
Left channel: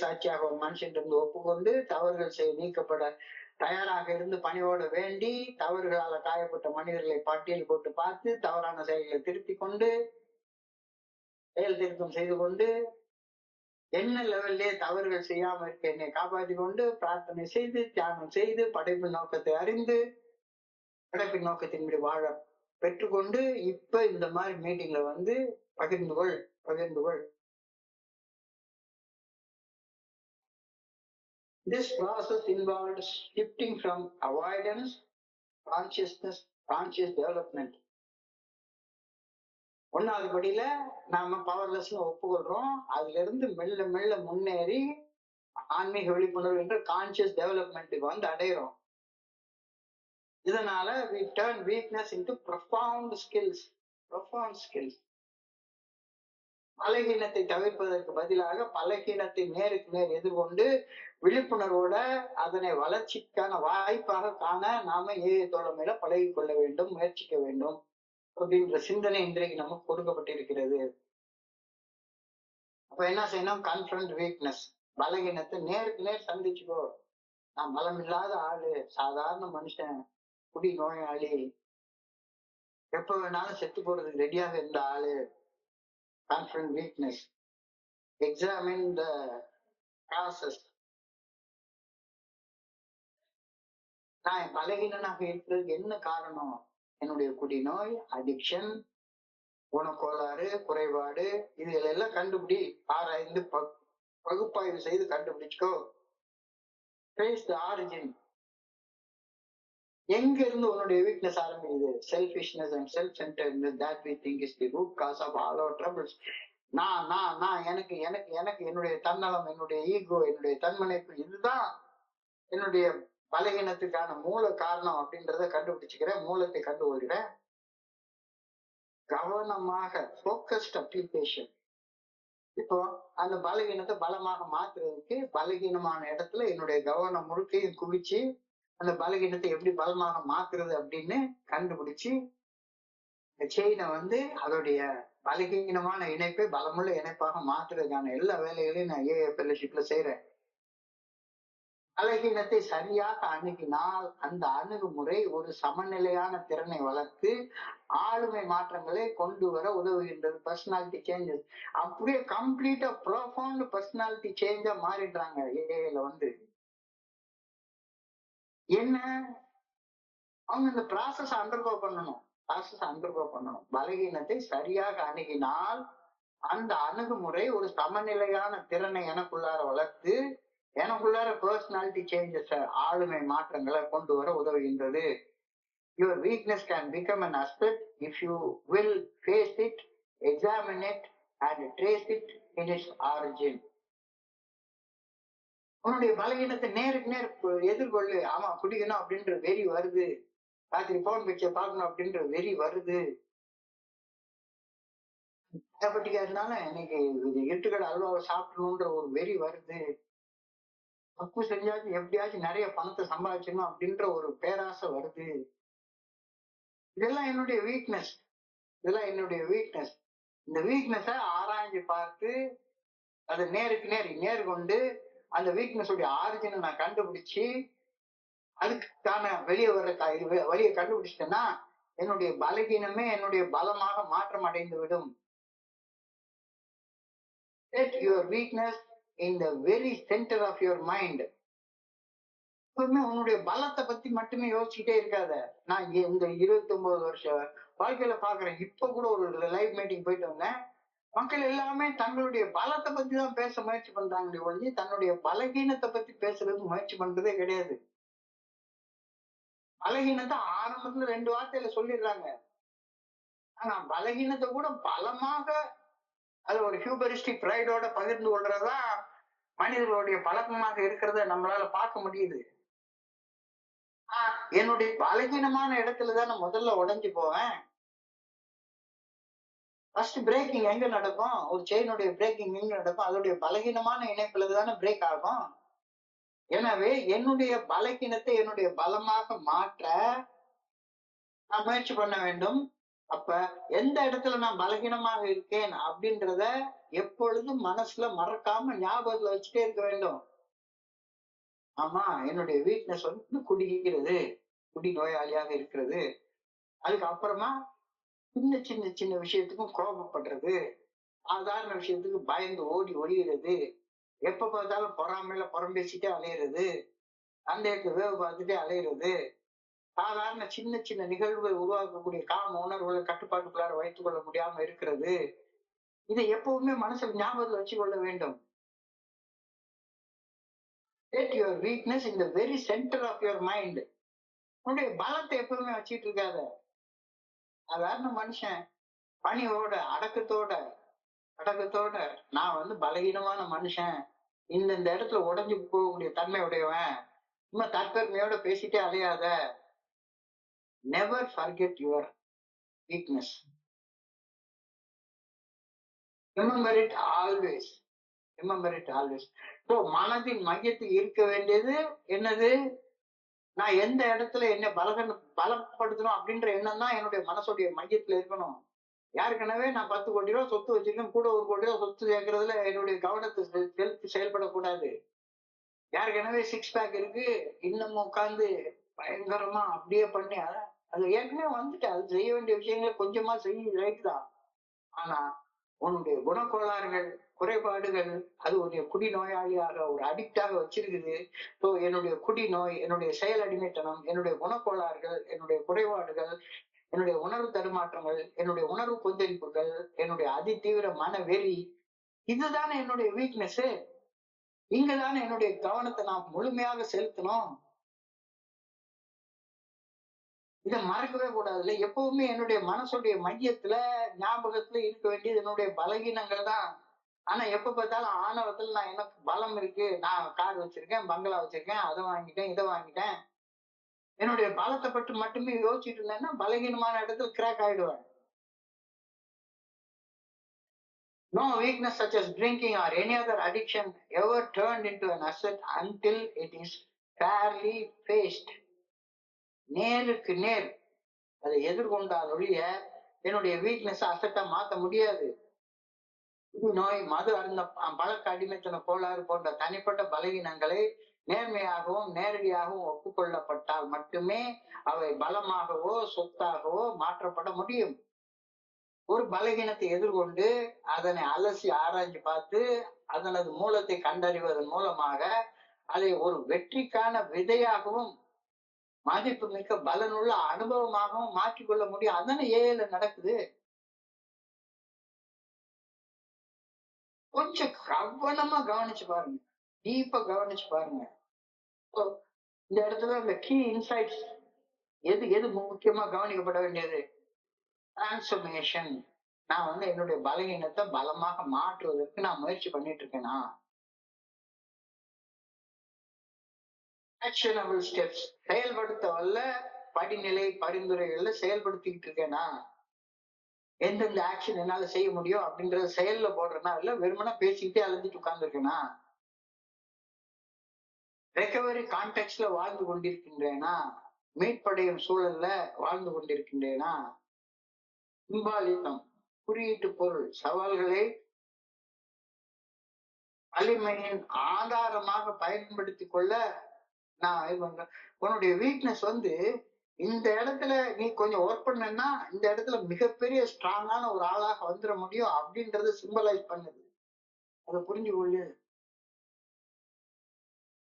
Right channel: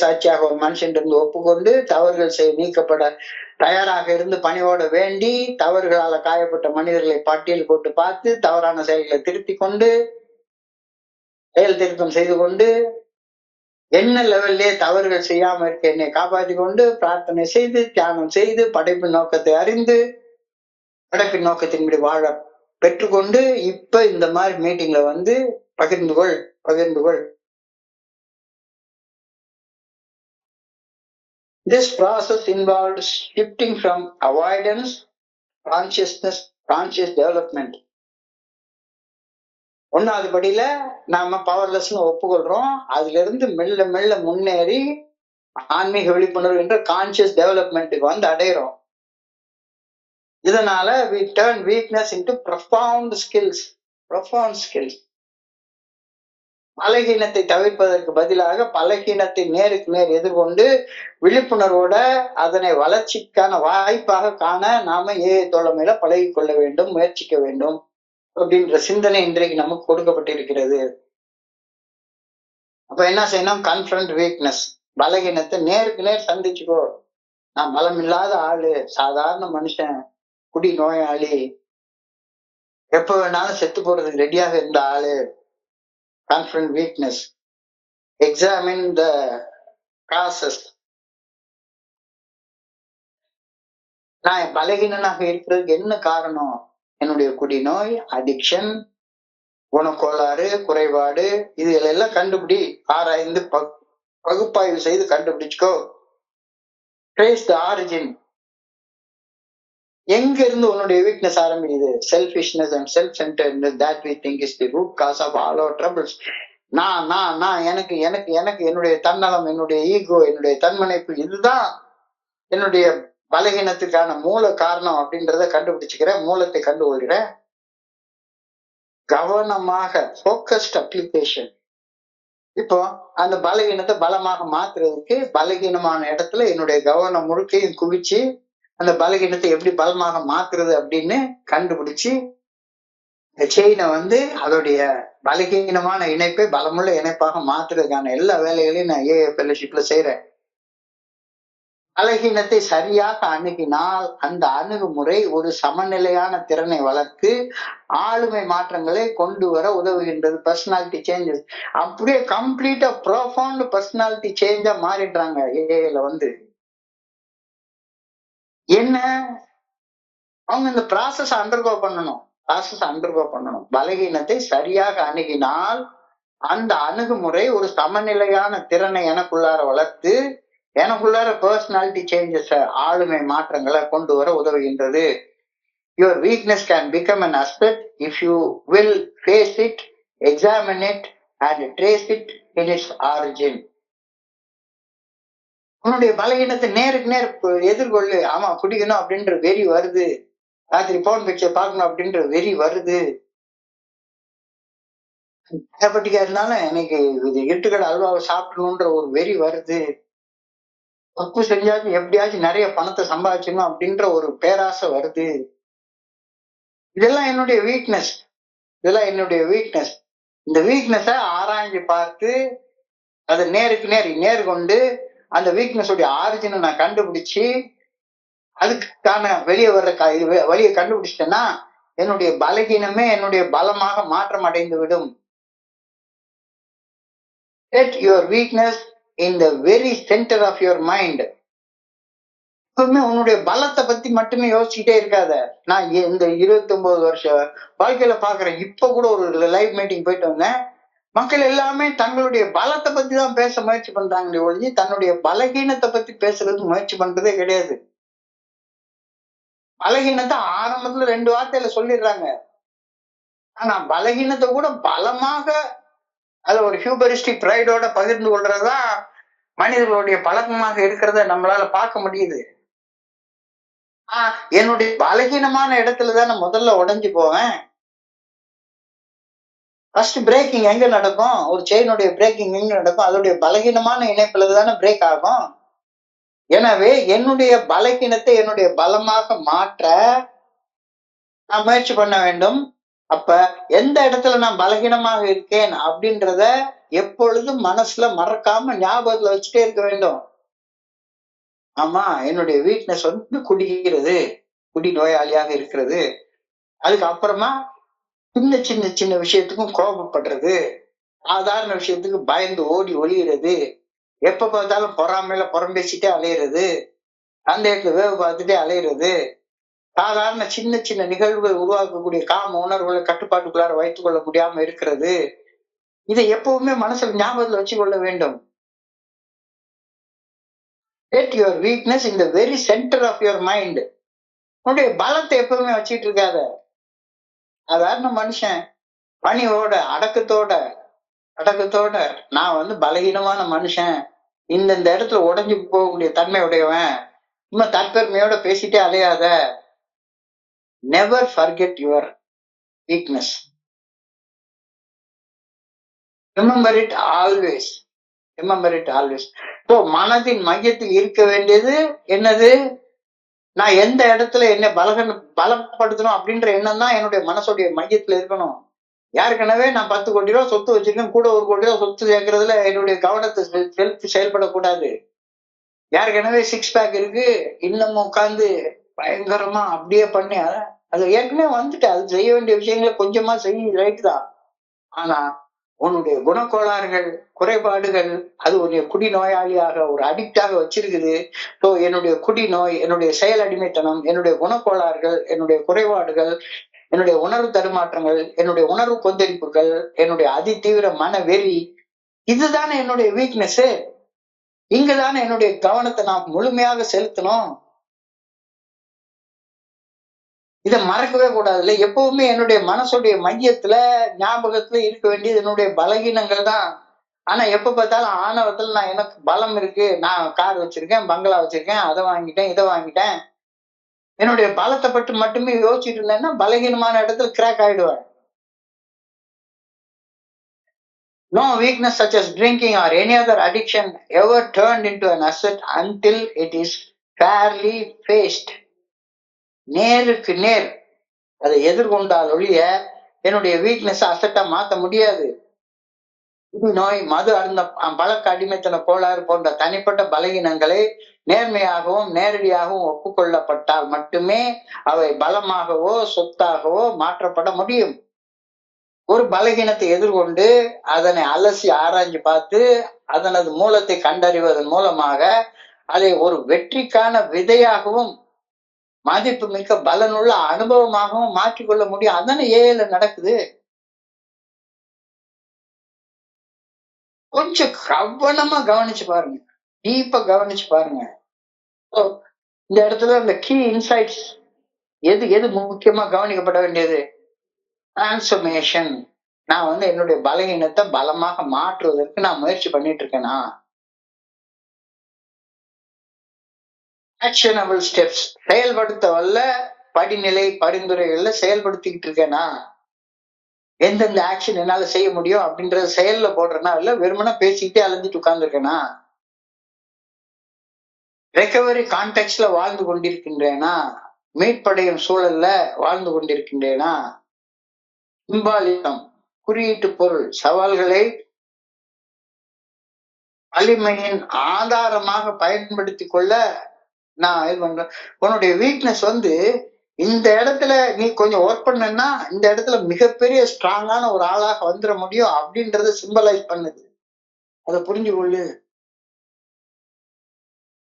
சாட்சியாக ஒரு மனுஷன் இருந்து ஒப்புக்கொண்டு தவறுகள் நீக்கப்பட தயாராக இருந்து பணியோட வேண்டி, தவறுகளால காயப்பட்ட மனிதர்களை பட்டியல் போட்டு பார்த்து தவறான செயல்களை திருத்தி கொண்டு, செயல் திருத்தம் செய்து கொண்டு, என்ன லெவல்லே தவறுகள் செய்யாம இருக்க என்னை காப்பாற்றி கொண்டு பிரார்த்தனை செய்து, தியானம் செய்து, படைப்பின் நோக்கத்தை அறிந்து, படைப்பின் நோக்கத்தின்படி வாழ பெற்றுக்கொண்டு, இப்ப இந்த மாதிரி மீட்டிங்ல பகிர்ந்து கொள். This process involves shifting from avoidance, conscious development. ஒன்னாவது படியில நாம பவர்லெஸ்னு ஒப்புக்கொள்றோம். அதுல இருந்து மெல்ல மெல்ல முன்னேறி ஆன்மீக விழிப்புணர்வு என்ற கான்சியஸ் டெவலப்மெண்ட்டுக்கு அடையிறோம். இதனால we turn weakness into profound skills. பலகீனத்தை தவிர்ப்பதற்கு பதிலாக பலகீனத்தை நேருக்கு நேர் எதிர்கொண்டு விழிப்புணர்வோட அதனை வளர்ச்சிக்கான வாய்ப்பாக காண நாம தோழமையில பழகி கொள்ள வேண்டும், முயற்சிக்க வேண்டும் அப்படின்ற சிந்தனை இன்றைக்கு நமக்கு கொடுக்கப்பட்டிருக்கிறது. அப்ப என்ன செய்யணும்? Confront weakness. பலகீனத்தை நேருக்கு நேர் சந்திச்சுக்கோ. நான் பலம் இல்லாத ஆளு, சாதாரண மனுஷன், குடி நோயாளி, எப்ப வேணாலும் செத்து போறதுக்கு ரெடியாக இருந்த ஆளு. Confront weakness. Examine the causes. நான் பலகீனனாக இருக்கிறதுக்கு என்ன காரணம்? என்னுடைய குடிநோய், அடிக்ஷன், குணக்கோளாறு, குறைபாடு, இதுகளெல்லாம் கண்டுபிடி, ஆராய்ந்து பகுப்பாய்வு செய்து கண்டுபிடிச்சுக்கோ. Trace the origin. எங்க இருந்து உன்னுடைய வீக்னஸ் ஆரம்பிக்குது? Selfishness and self centredness that we think is the root cause of all our troubles. நான் எனக்கு எனக்கு எனக்கு என்னுடைய தன்னலம், என்னுடைய ஈகோ, என்னுடைய தன்மனைப்பு, இதுதான் என்னுடைய பலகீனத்துக்கான மூல காரணம் அப்படின்றத கண்டுபிடிச்சுக்கிறேன், மூலத்தை கண்டுகொள்கிறேன். கவனமாக ஃபோக்கஸ்ட் அப்ளிகேஷன். இப்போ அந்த பலகீனத்தை பலமாக மாத்துறதுக்கு பலகீனமான இடத்துல என்னுடைய கவனம் முழுக்கையும் குவிச்சு அந்த பலகீனத்தை எப்படி பலமாக மாத்துறது அப்படின்னு கண்டுபிடிச்சு இந்த செயினை அதோடைய பலகீனமான இணைப்பை பலமுள்ள இணைப்பாக மாத்துறதுக்கான எல்லா வேலைகளையும் நான் ஃபெல்லோஷிப்ல செய்யறேன். பலகீனத்தை சரியாக அணுகினால் அந்த அணுகுமுறை ஒரு சமநிலையான திறனை வளர்த்து ஆளுமை மாற்றங்களை கொண்டு வர உதவுகின்றது. பர்சனாலிட்டி சேஞ்சஸ் அப்படியே கம்ப்ளீட்டா ப்ரோஃபவுண்ட் பர்சனாலிட்டி சேஞ்சா மாறிடுறாங்க. ஏல என்ன அவங்க இந்த ப்ராசஸ் அண்டர்கோ பண்ணணும். பலகீனத்தை சரியாக அணுகினால் அந்த அணுகுமுறை ஒரு சமநிலையான திறனை எனக்குள்ளார வளர்த்து எனக்குள்ளார பர்சனாலிட்டி சேஞ்சஸ், ஆளுமை மாற்றங்களை கொண்டு வர உதவுகின்றது. Your weakness can become an asset if you will face it, examine it and trace it in its origin. உன்னுடைய பலகீனத்தை நேருக்கு நேர் எதிர்கொள்ளு. ஆமா, குடிக்கணும் அப்படின்ற வெறி வருது, ராத்திரி போன் பிக்சர் பார்க்கணும் அப்படின்ற வெறி வருது, டயபெட்டிக்கா இருந்தாலும் எனக்கு இது எட்டுக்கடை அல்வாவை சாப்பிடணுன்ற ஒரு வெறி வருது, தப்பு செஞ்சாச்சும் எப்படியாச்சும் நிறைய பணத்தை சம்பாதிச்சணும் அப்படின்ற ஒரு பேராசை வருது. இதெல்லாம் என்னுடைய வீக்னஸ். இந்த வீக்னஸை ஆராய்ஞ்சு பார்த்து அதை நேருக்கு நேர் நேர்கொண்டு அந்த வீக்னஸ் உடைய ஆரிஜினை நான் கண்டுபிடிச்சு அதுக்கான வெளியே வர்ற வழியை கண்டுபிடிச்சிட்டேன்னா என்னுடைய பலகீனமே என்னுடைய பலமாக மாற்றம் அடைந்து விடும். Set your weakness in the very center of your mind. எப்பவுமே உன்னுடைய பலத்தை பத்தி மட்டுமே யோசிச்சுட்டே இருக்காத. நான் இந்த 29 வருஷ வாழ்க்கையில பாக்குறேன். இப்ப கூட ஒரு லைவ் மீட்டிங் போயிட்டு வந்தேன். மக்கள் எல்லாமே தங்களுடைய பலத்தை பத்தி தான் பேச முயற்சி பண்றாங்களே ஒழிஞ்சு தன்னுடைய பலகீனத்தை பத்தி பேசுறதுக்கு முயற்சி பண்றதே கிடையாது. பலகீனத்தை ஆரம்பத்துல 2 வார்த்தையில சொல்லிடுறாங்க. ஆனா பலகீனத்தை கூட பலமாக அது ஒரு ஹியூபரிஸ்டிக் பிரைடோட பகிர்ந்து கொள்றதா மனிதர்களுடைய பழக்கமாக இருக்கிறத நம்மளால பார்க்க முடியுது. என்னுடைய பலகீனமான இடத்துலதான் நான் முதல்ல உடைஞ்சு போவேன். ஃபர்ஸ்ட் பிரேக்கிங் எங்க நடக்கும்? ஒரு செயினுடைய பிரேக்கிங் எங்க நடக்கும்? அதோடைய பலகீனமான இணைப்புல தானே பிரேக் ஆகும். எனவே என்னுடைய பலகீனத்தை என்னுடைய பலமாக மாற்ற நான் முயற்சி பண்ண வேண்டும். அப்ப எந்த இடத்துல நான் பலகீனமாக இருக்கேன் அப்படின்றத எப்பொழுதும் மனசுல மறக்காம ஞாபகத்துல வச்சுட்டே இருக்க வேண்டும். ஆமா, என்னுடைய வீக்னஸ் வந்து குடிக்கிறது, குடி நோயாளியாக இருக்கிறது. அதுக்கு அப்புறமா சின்ன சின்ன சின்ன விஷயத்துக்கும் கோபப்படுறது, சாதாரண விஷயத்துக்கு பயந்து ஓடி ஒளியிறது, எப்ப பார்த்தாலும் பொறாமையில புறம்பேசிட்டே அலையிறது, அந்த இடத்துல வேவு பார்த்துட்டே அலையிறது, சாதாரண சின்ன சின்ன நிகழ்வுகள் உருவாக்கக்கூடிய காம உணர்வுகளை கட்டுப்பாட்டுக்குள்ளார வைத்துக் கொள்ள முடியாம இருக்கிறது. இதை எப்பவுமே மனசுல ஞாபகத்துல வச்சு கொள்ள வேண்டும். Set your weakness in the very center of your mind. உன்னுடைய பலத்தை எப்பவுமே வச்சுட்டு இருக்காத. சாதாரண மனுஷன் பணியோட அடக்கத்தோட நான் வந்து பலகீனமான மனுஷன், இந்த இடத்துல உடைஞ்சு போகக்கூடிய தன்மை உடையவன், சும்மா தற்பெருமையோட பேசிட்டே அலையாத. Never forget your weakness. Remember it always. Remember it always. இப்போ மனதின் மையத்தில் இருக்க வேண்டியது என்னது? நான் எந்த இடத்துல என்ன பலப்படுத்தணும் அப்படின்ற எண்ணம் தான் என்னுடைய மனசுடைய மையத்துல இருக்கணும். ஏற்கனவே நான் 10 கோடி ரூபாய் சொத்து வச்சிருக்கேன், கூட 1 கோடி ரூபாய் சொத்து சேர்க்கறதுல என்னுடைய கவனத்தை செலுத்தி செயல்படக்கூடாது. ஏற்கனவே 6 பேக் இருக்கு, இன்னமும் உட்கார்ந்து பயங்கரமா அப்படியே பண்ணி அது ஏற்கனவே வந்துட்டு அது செய்ய வேண்டிய விஷயங்களை கொஞ்சமா செய்ய ரைட் தான். ஆனா உன்னுடைய குணக்கோளாறுகள், குறைபாடுகள் அது உன்னுடைய குடிநோயாளியாக ஒரு அடிக்டாக வச்சிருக்குது. ஸோ என்னுடைய குடிநோய், என்னுடைய செயல் அடிமைத்தனம், என்னுடைய குணக்கோளாறுகள், என்னுடைய குறைபாடுகள், என்னுடைய உணர்வு தடுமாற்றங்கள், என்னுடைய உணர்வு கொந்தளிப்புகள், என்னுடைய அதிதீவிர மன வெறி, இதுதானே என்னுடைய வீக்னஸ். இங்கதானே என்னுடைய கவனத்தை நான் முழுமையாக செலுத்தணும். இதை மறக்கவே கூடாதுல்ல. எப்பவுமே என்னுடைய மனசுடைய மையத்துல ஞாபகத்துல இருக்க வேண்டியது என்னுடைய பலகீனங்கள் தான். ஆனா எப்ப பார்த்தாலும் ஆணவத்துல நான் எனக்கு பலம் இருக்கு, நான் கார் வச்சிருக்கேன், பங்களா வச்சிருக்கேன், அதை வாங்கிட்டேன், இதை வாங்கிட்டேன், என்னுடைய பலத்தை பற்றி மட்டுமே யோசிச்சுட்டு இருந்தேன்னா பலகீனமான இடத்துல கிராக் ஆயிடுவேன். No weakness such as drinking or any other addiction ever turned into an asset until it is fairly faced. நேருக்கு நேர் அதை எதிர்கொண்டால் ஒழிய என்னுடைய வீக்னஸ் அசட்டா மாத்த முடியாது. நோய், மது அருந்த பழக்க அடிமைத்தன கோளாறு போன்ற தனிப்பட்ட பலகீனங்களை நேர்மையாகவும் நேரடியாகவும் ஒப்புக்கொள்ளப்பட்டால் மட்டுமே அவை பலமாகவோ சொத்தாகவோ மாற்றப்பட முடியும். ஒரு பலகீனத்தை எதிர்கொண்டு அதனை அலசி ஆராய்ஞ்சு பார்த்து அதனது மூலத்தை கண்டறிவதன் மூலமாக அதை ஒரு வெற்றிக்கான விதையாகவும் மதிப்பு மிக்க பலனுள்ள அனுபவமாகவும் மாற்றிக்கொள்ள முடியும். அதானே ஏல நடக்குது. கொஞ்சம் கவனமா கவனிச்சு பாருங்க, டீப்பா கவனிச்சு பாருங்க. இந்த இடத்துல இந்த கீ இன்சைட்ஸ் எது முக்கியமா கவனிக்கப்பட வேண்டியது? டிரான்ஸ்ஃபர்மேஷன். நான் வந்து என்னுடைய பலகீனத்தை பலமாக மாற்றுவதற்கு நான் முயற்சி பண்ணிட்டு இருக்கேனா? ஆக்ஷனபிள் ஸ்டெப்ஸ், செயல்படுத்த வல்ல படிநிலை பரிந்துரைகள்ல செயல்படுத்திக்கிட்டு இருக்கேனா? எந்தெந்த ஆக்ஷன் என்னால செய்ய முடியும் அப்படின்றத செயல்ல போடுறேன்னா இல்ல வெறுமனா பேசிக்கிட்டே அலைஞ்சிட்டு உட்கார்ந்துருக்கேனா? ரெக்கவரி கான்டெக்ட்ல வாழ்ந்து கொண்டிருக்கின்றேனா? மீட்படையும் சூழல்ல வாழ்ந்து கொண்டிருக்கின்றேனா? சிம்பாலிசம், குறியீட்டு பொருள், சவால்களை வலிமையின் ஆதாரமாக பயன்படுத்திக் கொள்ள நான் இது பண்றேன். உன்னுடைய வீக்னஸ் வந்து இந்த இடத்துல நீ கொஞ்சம் ஒர்க் பண்ணனா இந்த இடத்துல மிகப்பெரிய ஸ்ட்ராங்கான ஒரு ஆளாக வந்துட முடியும் அப்படின்றத சிம்பலைஸ் பண்ணுது. அதை புரிஞ்சு கொள்ளு.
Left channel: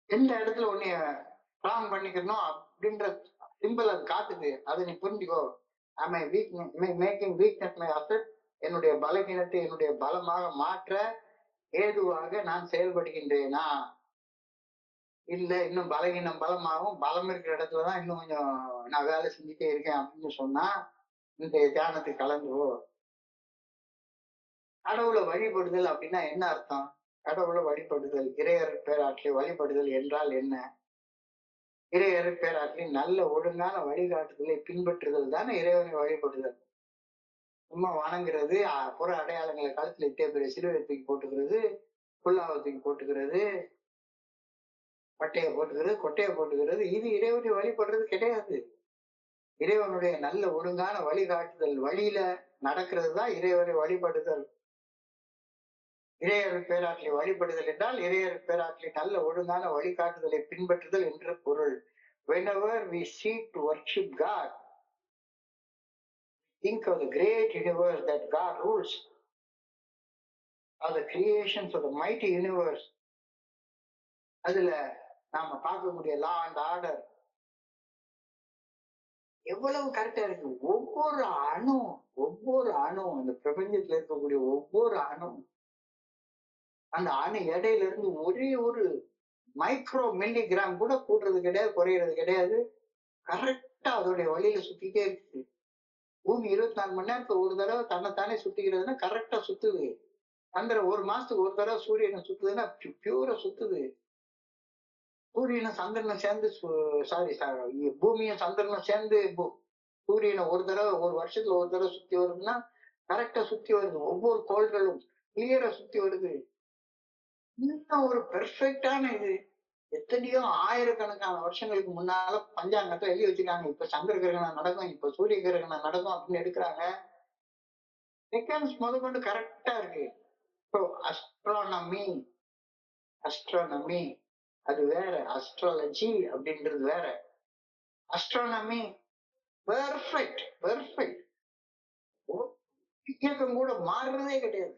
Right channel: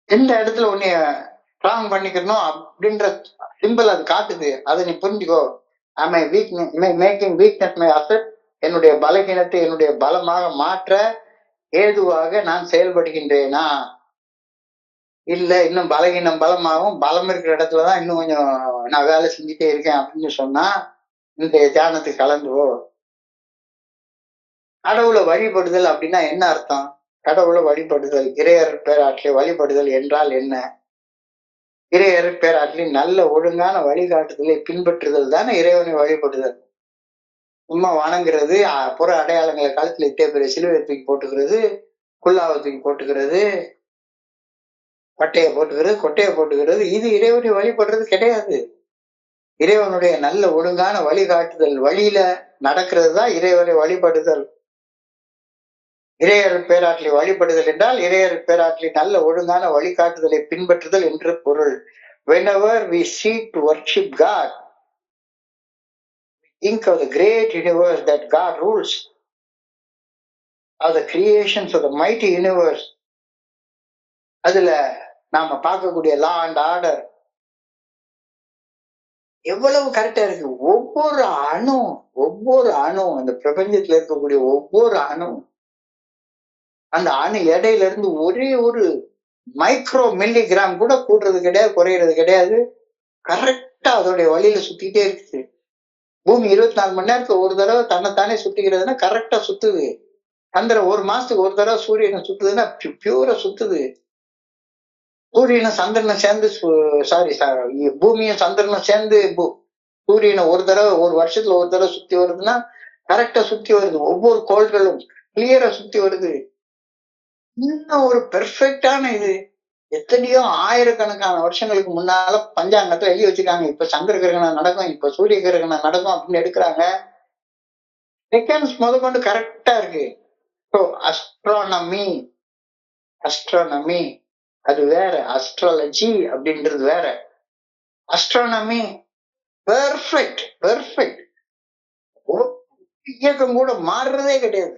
எந்த இடத்துல உன்னைய ஸ்ட்ராங் பண்ணிக்கணும் அப்படின்ற சிம்பிள் அது காட்டுது. அதை நீ புரிஞ்சுக்கோ. ஐ மேக்கிங் வீக்னஸ் மை அசெட். என்னுடைய பலகீனத்தை என்னுடைய பலமாக மாற்ற ஏதுவாக நான் செயல்படுகின்றேனா, இல்ல இன்னும் பலகீனம் பலமாகும், பலம் இருக்கிற இடத்துலதான் இன்னும் கொஞ்சம் நான் வேலை செஞ்சுட்டே இருக்கேன் அப்படின்னு சொன்னா இந்த தியானத்துக்கு கலந்துவோ. கடவுளை வழிபடுதல் அப்படின்னா என்ன அர்த்தம்? கடவுளை வழிபடுதல், இறையர் பேராற்றை வழிபடுதல் என்றால் என்ன? இறையர் பேராற்றின் நல்ல ஒழுங்கான வழிகாட்டுதலை பின்பற்றுதல் தானே இறைவனை வழிபடுதல். சும்மா வணங்குறது, புற அடையாளங்களை கழுத்துல இத்தே பெரிய சிலுவை தூக்கி போட்டுக்கிறது, குல்லாவை தூக்கி போட்டுக்கிறது, கொட்டையை போட்டுக்கிறது, இது இறைவனை வழிபடுறது கிடையாது. இறைவனுடைய நல்ல ஒழுங்கான வழிகாட்டுதல் வழியில நடக்கிறது தான் இறைவனை வழிபடுதல். இறையர் பேராற்றலை வழிபடுதல் என்றால் இறையர் பேராற்றலின் நல்ல ஒழுங்கான வழிகாட்டுதலை பின்பற்றுதல் என்று பொருள். Whenever we seek to worship God, think of the great universe that God rules, of the creations of the mighty universe. அதுல நாம பார்க்கக்கூடிய லா அண்ட் ஆர்டர் எவ்வளவு கரெக்டா இருக்கு. ஒவ்வொரு அணு அந்த பிரபஞ்சத்துல இருக்கக்கூடிய ஒவ்வொரு அணு, அந்த அணு எடையில இருந்து ஒரே ஒரு மைக்ரோ மில்லிகிராம் கூட கூடுறது கிடையாது, குறையிறது கிடையாது. கரெக்டா அதோடைய வழியில சுத்திட்டே இருக்குது. பூமி 24 மணி நேரத்துக்கு ஒரு தடவை தன்னைத்தானே சுத்திக்கிறதுன்னா கரெக்டா சுத்துது. சந்திரன் ஒரு மாசத்துக்கு ஒரு தடவை சூரியனை சுத்துதுன்னா பியூரா சுத்துது. சூரியனும் சந்திரனும் சேர்ந்து பூமியும் சந்திரனும் சேர்ந்து சூரியனை ஒரு தடவை ஒரு வருஷத்துல ஒரு தடவை சுத்தி வருதுன்னா கரெக்டா சுத்தி வருது. ஒவ்வொரு கோள்களும் கிளியரா சுத்தி வருது. இன்னும் ஒரு பெர்ஃபெக்டான இது. எத்தனையோ ஆயிரக்கணக்கான வருஷங்களுக்கு முன்னால பஞ்சாங்கத்துல எழுதி வச்சிருக்காங்க, இப்ப சந்திர கிரகணம் நடக்கும், இப்ப சூரிய கிரகணம் நடக்கும் அப்படின்னு எடுக்கிறாங்க. செகண்ட்ஸ் முதற்கொண்டு கரெக்டா இருக்கு. ஸோ அஸ்ட்ரானமி அது வேற, அஸ்ட்ராலஜி அப்படின்றது வேற. Astronomy perfect. இயக்கம் கூட மாறுறதே கிடையாது.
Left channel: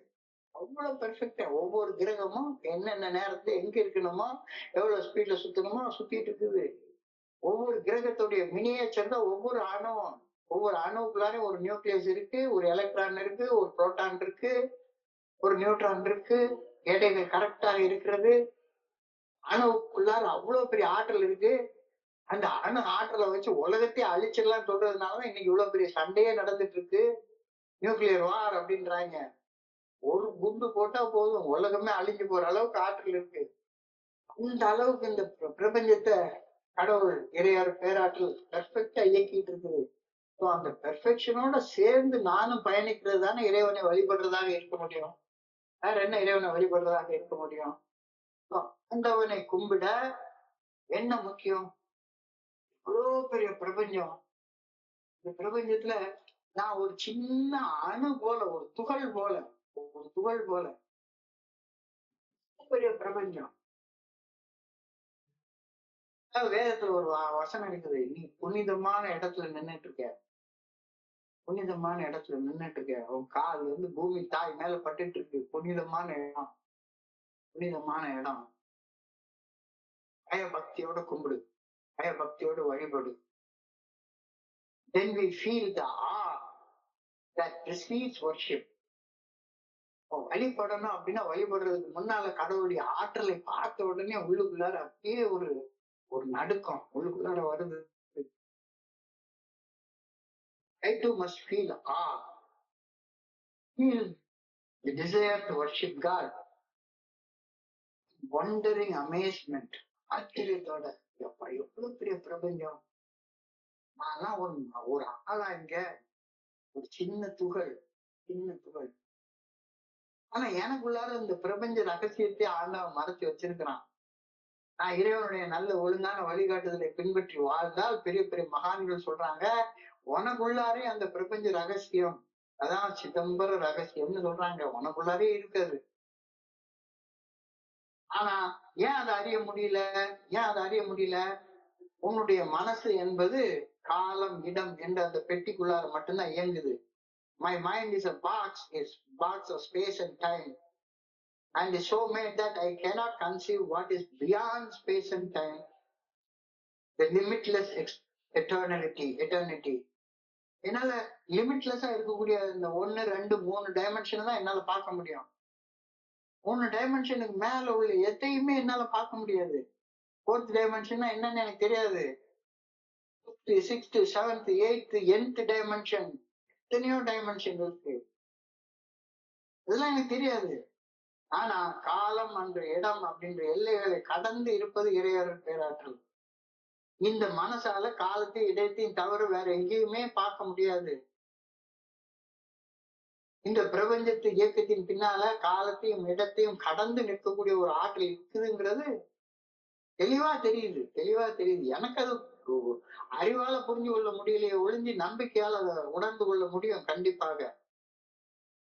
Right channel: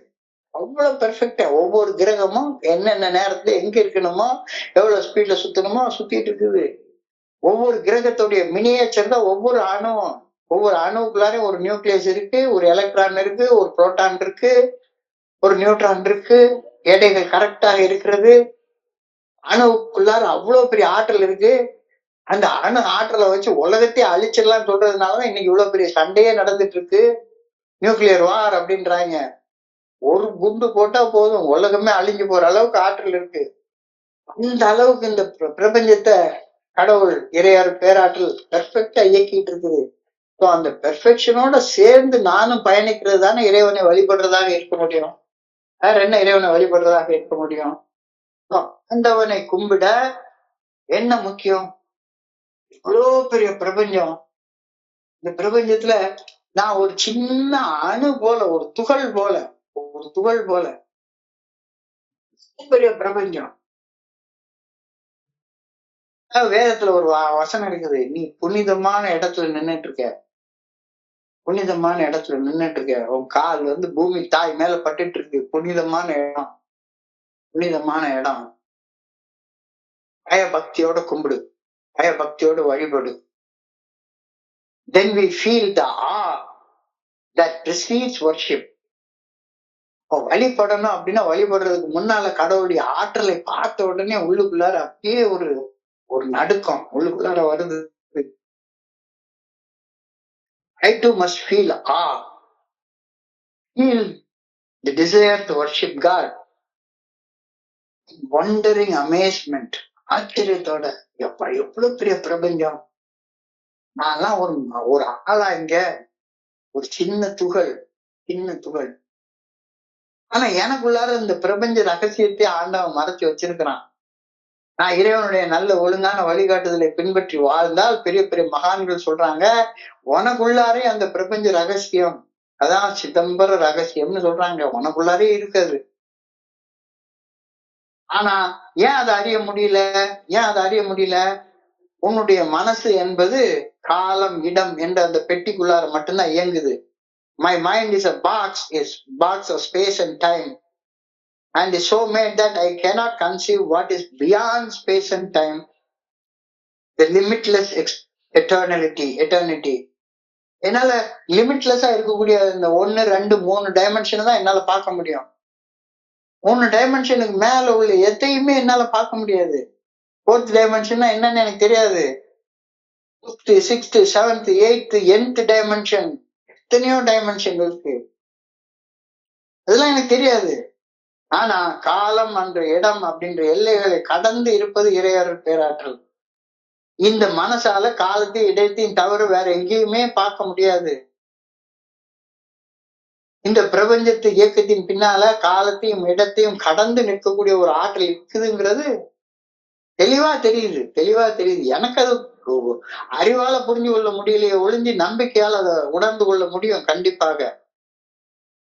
அவ்வளவு பெர்ஃபெக்டா ஒவ்வொரு கிரகமும் என்னென்ன நேரத்துல எங்க இருக்கணுமோ எவ்வளவு ஸ்பீட்ல சுத்தணுமோ சுத்திட்டு இருக்குது. ஒவ்வொரு கிரகத்துடைய மினியேச்சர் தான் ஒவ்வொரு அணுவும். ஒவ்வொரு அணுவுக்குள்ளாரையும் ஒரு நியூக்ளியஸ் இருக்கு, ஒரு எலக்ட்ரான் இருக்கு, ஒரு புரோட்டான் இருக்கு, ஒரு நியூட்ரான் இருக்கு. எடைகள் கரெக்டாக இருக்கிறது. அணுவுக்குள்ளார அவ்வளவு பெரிய ஆற்றல் இருக்கு. அந்த அணு ஆற்றலை வச்சு உலகத்தையே அழிச்சிடலாம் சொல்றதுனாலதான் இன்னைக்கு இவ்வளவு பெரிய சண்டையே நடந்துட்டு இருக்கு. நியூக்ளியர் வார் அப்படின்றாங்க. ஒரு குண்டு போட்டா போதும், உலகமே அழிஞ்சு போற அளவுக்கு ஆற்றல் இருக்கு. அந்த அளவுக்கு இந்த பிரபஞ்சத்தை கடவுள் இறையார் பேராற்றல் பெர்ஃபெக்டா இயக்கிட்டு இருக்குது. ஸோ அந்த பெர்ஃபெக்ஷனோட சேர்ந்து நானும் பயணிக்கிறது தானே இறைவனை வழிபடுறதாக இருக்க முடியும். வேற என்ன இறைவனை வழிபடுறதாக இருக்க முடியும்? ஆண்டவனை கும்பிட என்ன முக்கியம்? இவ்வளோ பெரிய பிரபஞ்சம். இந்த பிரபஞ்சத்துல நான் ஒரு சின்ன அணு போல, ஒரு துகள் போல பெரிய பிரபஞ்சம். வேதத்துல ஒரு வசனம் இருக்குது, நீ புனிதமான இடத்துல நின்னுட்டு இருக்க, உன் கால் வந்து பூமி தாய் மேல பட்டுட்டு இருக்கு. புனிதமான இடம். பயபக்தியோட கும்பிடு, பயபக்தியோட வழிபடு. Then we feel the awe that precedes worship. வழிபடணும் அப்படின்னா வழிபடுறதுக்கு முன்னால கடவுளுடைய ஆற்றலை பார்த்த உடனே உள்ளுக்குள்ளார அப்படியே ஒரு நடுக்கம் உள்ளுக்குள்ளார வருது. I too must feel awe, feel the desire to worship God, wondering amazement, ஆச்சரியத்தோட எவ்வளவு பெரிய பிரபஞ்சம். நான்லாம் ஒரு ஆளா இங்க, ஒரு சின்ன துகள். ஆனா எனக்குள்ளார இந்த பிரபஞ்ச ரகசியத்தை ஆண்டவன் மறைச்சு வச்சிருக்கிறான். நான் இறைவனுடைய நல்ல ஒழுங்கான வழிகாட்டுதலை பின்பற்றி வாழ்ந்தால் பெரிய பெரிய மகான்கள் சொல்றாங்க, உனக்குள்ளாரே அந்த பிரபஞ்ச ரகசியம், அதான் சிதம்பர ரகசியம்னு சொல்றாங்க, உனக்குள்ளாரே இருக்காது. ஆனா ஏன் அதை அறிய முடியல? உன்னுடைய மனசு என்பது காலம் இடம் என்ற அந்த பெட்டிக்குள்ளார மட்டும்தான் இயங்குது. My mind is a box of space and time, and is so made that I cannot conceive what is beyond space and time, the limitless eternity. என்னால லிமிட்லெஸ்ஸா இருக்கக்கூடிய இந்த 1, 2, 3 டைமென்ஷன் தான் என்னால பார்க்க முடியும். 3 டைமென்ஷனுக்கு மேல உள்ள எதையுமே என்னால பார்க்க முடியாது. 4th டைமென்ஷன்னா என்னன்னு எனக்கு தெரியாது. 5th, 6th, 7th, 8th, nth dimension, எத்தனையோ டைமென்ஷன் இருக்கு. அதெல்லாம் எனக்கு தெரியாது. ஆனா காலம் என்ற இடம் அப்படின்ற எல்லைகளை கடந்து இருப்பது இறையருள் பேராற்றல். இந்த மனசால காலத்தையும் இடத்தையும் தவிர வேற எங்கேயுமே பார்க்க முடியாது. இந்த பிரபஞ்சத்து இயக்கத்தின் பின்னால காலத்தையும் இடத்தையும் கடந்து நிற்கக்கூடிய ஒரு ஆற்றல் இருக்குதுங்கிறது தெளிவா தெரியுது. எனக்கு அது அறிவால புரிஞ்சு கொள்ள முடியலையே ஒழிஞ்சு நம்பிக்கையால் அதை உணர்ந்து கொள்ள முடியும். கண்டிப்பாக